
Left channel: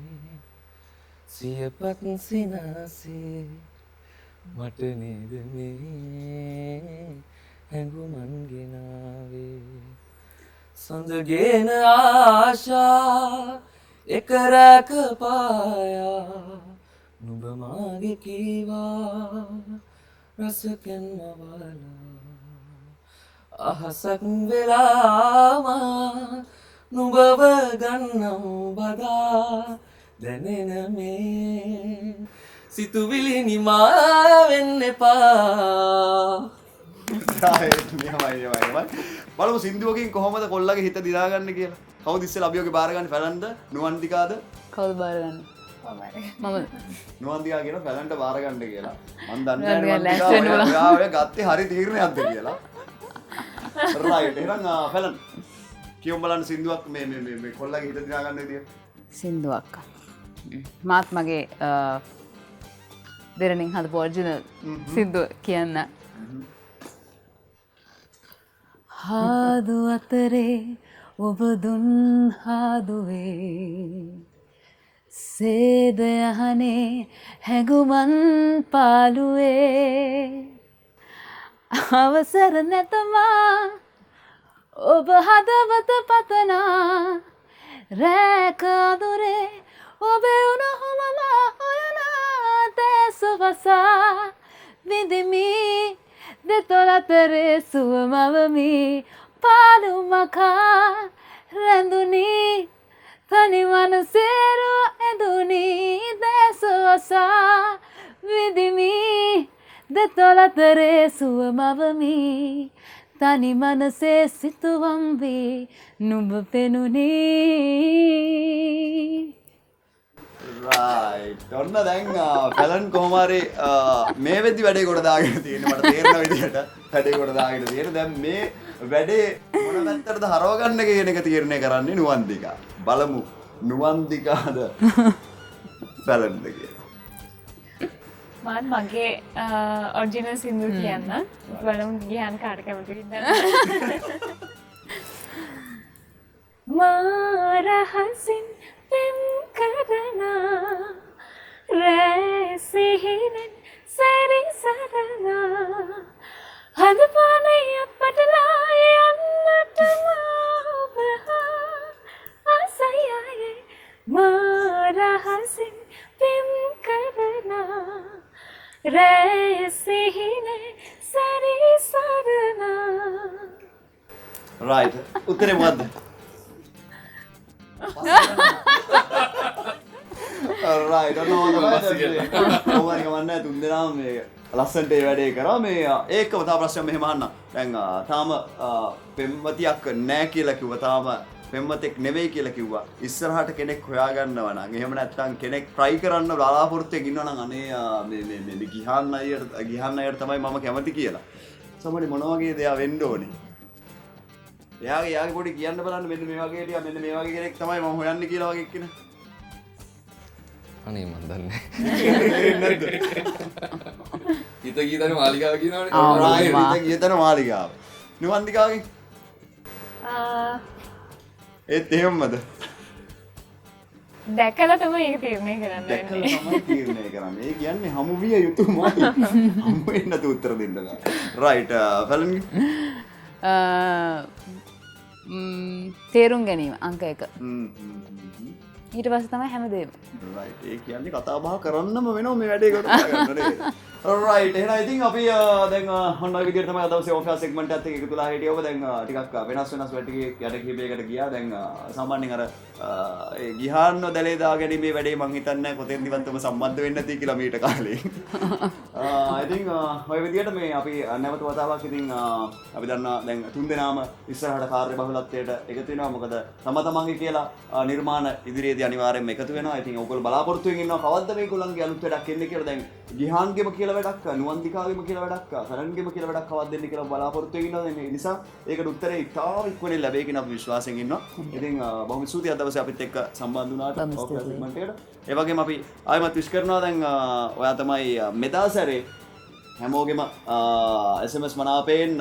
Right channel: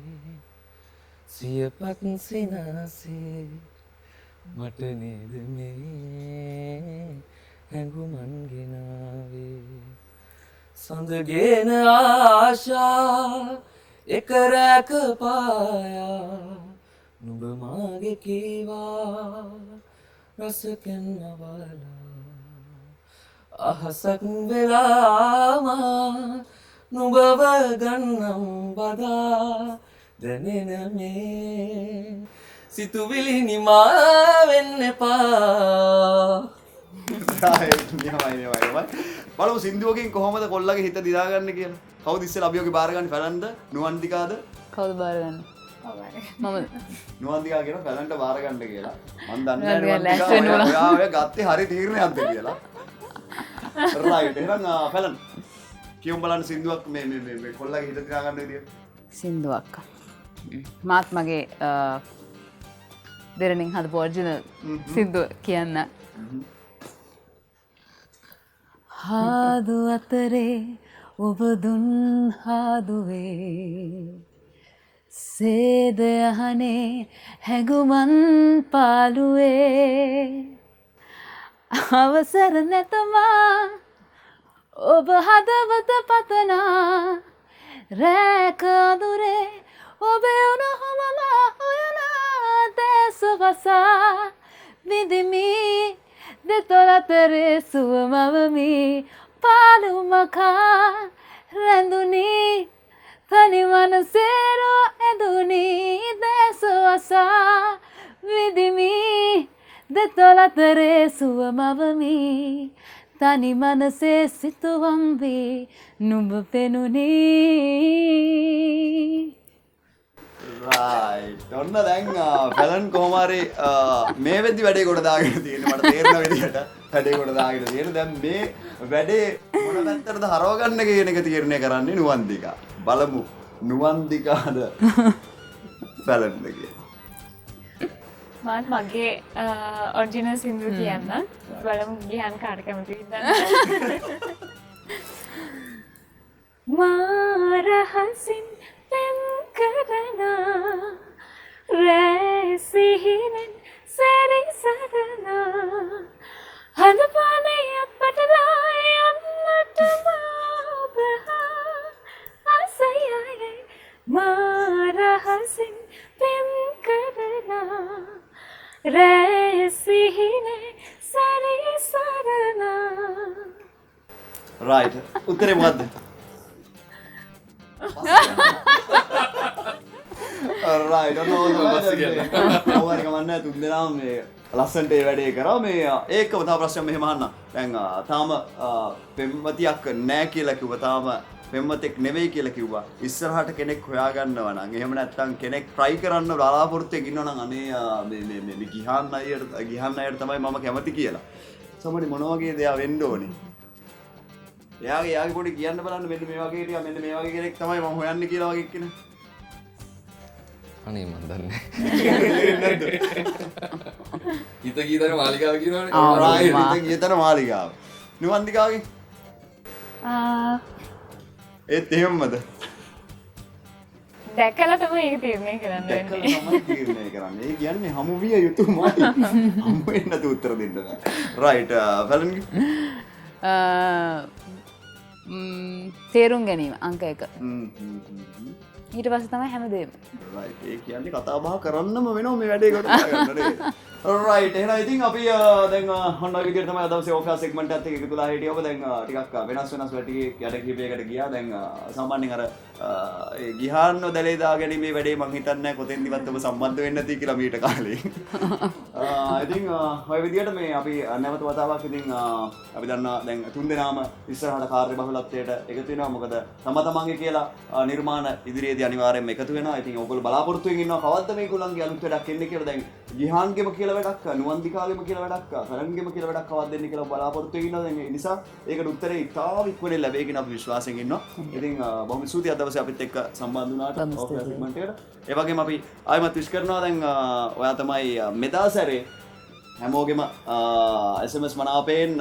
සියපත් සිනාසේ මට නේද මේ හැඟුමන් ගෙනාවේ සඳගෙන ආශා එක රැක පායා නුඹ මාගේ කීවා රසකෙන් මවලා අහසක් වෙලාමා නුඹව ගන්නම් බදා දැනෙන මේ සිතුවිලි නිමා වෙන්න එපා. බලමු සින්දුවකින් කොහොමද කොල්ලගේ හිත දිනාගන්න කියලා. කවුද ඉස්සෙල්ලා අභියෝගේ බාරගන්නේ? ෆැලන්ද නුවන්තිකාද? කවුද බාරගන්න? මම නුවන්තිකා කියන ෆැලන්ට බාරගන්න කියලා. මම දන්නේ නුවන්තිකා නැහැ ලෑස්ති වෙන්න ඕන. ඔයා ඔය ගත්තේ හරි තීරණයක්ද කියලා. රයිට් එහෙනම් ෆැලන් කියමු බලන්න සින්දුවක් මේ කොල්ලගේ හිත දිනාගන්න විදිය. සින්දුවක් මාත් මගේ දෙරණින් හදපු ඔරිජිනල් සින්දුව කියන්න. හාදු අතරේ ඔබ දුන් හාදුවේ සේද යහනේ හැඟුමන් පාලුවේ අවසර නැතමා ඔබ හදවත පතනා රැක අදුරේ ඔබේ උණුහුමම හොයනා දැසවසා විඳිමි දෙතොල අතරේ සුව මවමි පාළුමකා රැඳුනි තනි මනසේරු ඇඳුනි දැසවසා විඳිමි දෙතොල අතරේ සුව මවමි තනි මනසේ සිතුවම් වී නුඹ පෙනුනි. රයිට් ඔන්න දැන් ෆැලන් කොහොම හරි මේ වෙද්දි වැඩේ කොට දාගෙන තියෙන්නේ මට තේරෙන විදිහට වැඩේ කොට දාගෙන තියෙන දැන් මේ වැඩේ මොන පැත්තටද හරව ගන්න කියන එක තීරණය කරන්නේ නුවන්තිකා. බලමු නුවන්තිකාද ෆැලන්ද කියලා. මම මගේ ඔරිජිනල් සින්දුව කියන්න. බලමු ගියන් කාට කැමතිද? මාරහසින් පෙම් කරනා රැසිහිනෙන් සැරිසරනා හදපානේ අපටලා යන්නට මාබහා ආසයයි මාරහසින් පෙම් කරනා රැසිහිනෙන් සැරිසරනා. රයිට් උත්තරේ මොකද්ද? රයිට් ඔන්න ඕවා ගමන්නේ තුන් දෙනාම මේ ලස්සනට ඒ වැඩේ කරා මේ ඒකම තව ප්‍රශ්නයක් මෙහෙම අහන්න. දැන් තාම පෙම්වතියක් නැහැ කියලා කිව්වා. තාම පෙම්වතෙක් නෙවෙයි කියලා කිව්වා. ඉස්සරහට කෙනෙක් හොයාගන්නවා නම් එහෙම නැත්නම් කෙනෙක් try කරන්න බලාපොරොත්තුෙන් ඉන්නවා නම් අනේ මේ ගිහාන් අයට තමයි මම කැමති කියලා. සමහරවිට මොන වගේ දෙයක් වෙන්න ඕනේ. එයාගේ පොඩි කියන්න බලන්න මෙන්න මේ වගේ ටික මෙන්න මේ වගේ කෙනෙක් තමයි මම හොයන්නේ කියලා වගේ කියන. අනේ මන් දන්නේ. හිත ගීතන මාලිගාව කියනවනේ. රයිට් ගීතන මාලිගාව. නුවන්තිකාගේ ඒත් එහෙමද? දැකලා තමයි ඒක තීරණය කරන්න දැකලා වෙන්නේ. තමයි තීරණය කරන්නේ. ඒ කියන්නේ හමු විය යුතුමයි. හමු වෙන්න උත්තර දෙන්න බෑ. රයිට් ෆැලන්ගේ තේරුම් ගැනීම අංක එක. ඊට පස්සේ තමයි හැමදේම. රයිට් ඒ කියන්නේ කතා බහ කරන්නම වෙනවා මේ වැඩේ කොට ගන්න නේද රයිට් එහෙනම් ඉතින් අපි දැන් ඔන්න ඔය විදිහට තමයි අද දවසේ ඔෆිස් සෙග්මන්ට් එකත් එක්ක එකතුලා හිටියේ ඔබ දැන් ටිකක් වෙනස් වැඩ යට කීපයකට ගියා දැන් සාමාන්‍යයෙන් අර ඒ ගිහාන්න දැලේ දාගැනීමේ වැඩේ මං හිතන්නේ කොතෙන්දිවත් ඔබ සම්බන්ධ වෙන්නේ නැති කියලා මීට කාලේ ඉතින් ඔය විදිහට මේ අපි නැවත වතාවක් ඉතින් අපි දන්නවා දැන් තුන්දෙනාම ඉස්සරහට කාර්ය බහුලත්වයට එකතු වෙනවා මොකද තම තමන්ගේ කියලා නිර්මාණ ඉදිරියේදී අනිවාර්යයෙන්ම එකතු වෙනවා. ඉතින් ඕගොල්ලෝ බලාපොරොත්තු වෙමින් ඉන්නවා කවද්ද මේගොල්ලන්ගේ අලුත් වැඩක් එන්නේ කියලා. දැන් ගිහාන්ගෙම කියලා වැඩක්, නුවන්දිකාගෙම කියලා වැඩක්, කරන්ගෙම කියලා වැඩක් කවද්ද එන්නේ කියලා බලාපොරොත්තු වෙමින් ඉන්නවා. ඒ නිසා ඒකට උත්තරේ ඉතාම ඉක්මනින් ලැබෙයි කියන අපි විශ්වාසයෙන් ඉන්නවා. ඉතින් බොහොම ස්තුතියි අද දවසේ අපිත් එක්ක සම්බන්ධ වුණාට ඔෆිස් සෙග්මන්ට් එකට. ඒ වගේම අපි ආයෙමත් විශ් කරනවා දැන් ඔයා තමයි මෙදා සැරේ හැමෝගෙම SMS මනාපයෙන්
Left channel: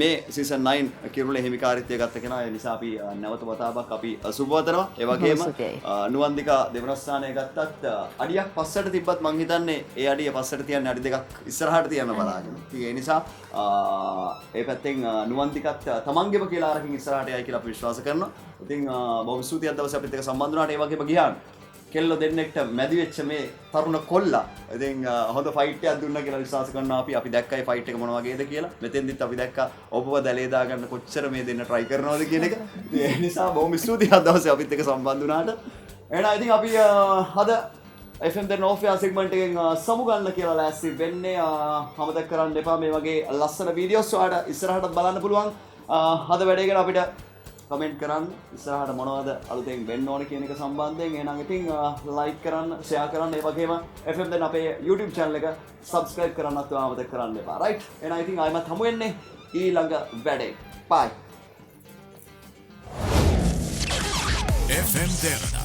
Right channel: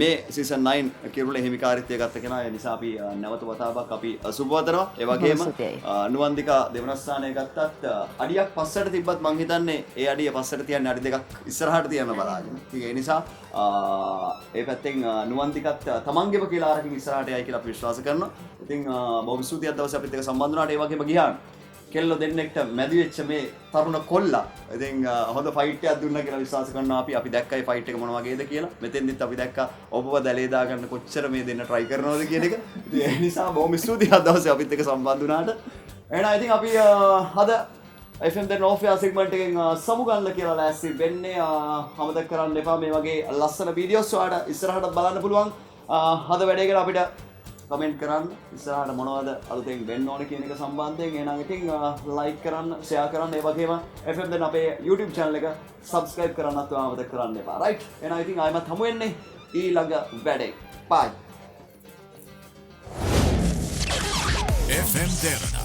මේ සීසන් 9 කිරුළේ හිමිකාරීත්වය ගත්ත කෙනා. ඒ නිසා අපි නැවත වතාවක් අපි සුබවතනවා. ඒ වගේම නුවන්දිකා දෙවන ස්ථානය ගත්තත් අඩියක් පස්සට තිබ්බත් මං හිතන්නේ ඒ අඩිය පස්සට තියන්නේ අඩි දෙකක් ඉස්සරහට තියන්න බලාගෙන. ඉතින් ඒ නිසා ඒ පැත්තෙන් නුවන්දිකත් තමන්ගේම කියලා අරකින් ඉස්සරහට යයි කියලා අපි විශ්වාස කරනවා. ඉතින් බොහොම ස්තුතියි අද දවසේ අපිත් එක්ක සම්බන්ධ වුණාට. ඒ වගේම ගියාන් කෙල්ල දෙන්නෙක්ට මැදි වෙච්ච මේ තරුණ කොල්ලා ඉතින් හොඳ ෆයිට් එකක් දුන්නා කියලා විශ්වාස කරනවා අපි දැක්කයි ෆයිට් එක මොන වගේද කියලා. මෙතෙන්දිත් අපි දැක්කා ඔබව දැලේ දාගන්න කොච්චර මේ දෙන්න try කරනවද කියන එක. ඒ නිසා බොහොම ස්තුතියි අද දවසේ අපිත් එක්ක සම්බන්ධ වුණාට. එහෙනම් ඉතින් අපි අද FM දෙන ඔෆිස් සෙග්මන්ට් එකෙන් සමු ගන්න කියලා ලෑස්ති වෙන්නේ. අමතක කරන්න එපා මේ වගේ ලස්සන වීඩියෝස් ඔයාලට ඉස්සරහට බලන්න පුළුවන්. අද වැඩේ ගැන අපිට කමෙන්ට් කරන්න ඉස්සරහට මොනවද අලුතෙන් වෙන්න ඕන කියන එක සම්බන්ධයෙන්. එහෙනම් ඉතින් ලයික් කරන්න, ෂෙයා කරන්න, ඒ වගේම FM දැන් අපේ YouTube channel එක subscribe කරන්නත් අමතක කරන්න එපා. right? එහෙනම් ඉතින් ආයෙමත් හමු වෙන්නේ ඊළඟ වැඩේ. bye. FM Derana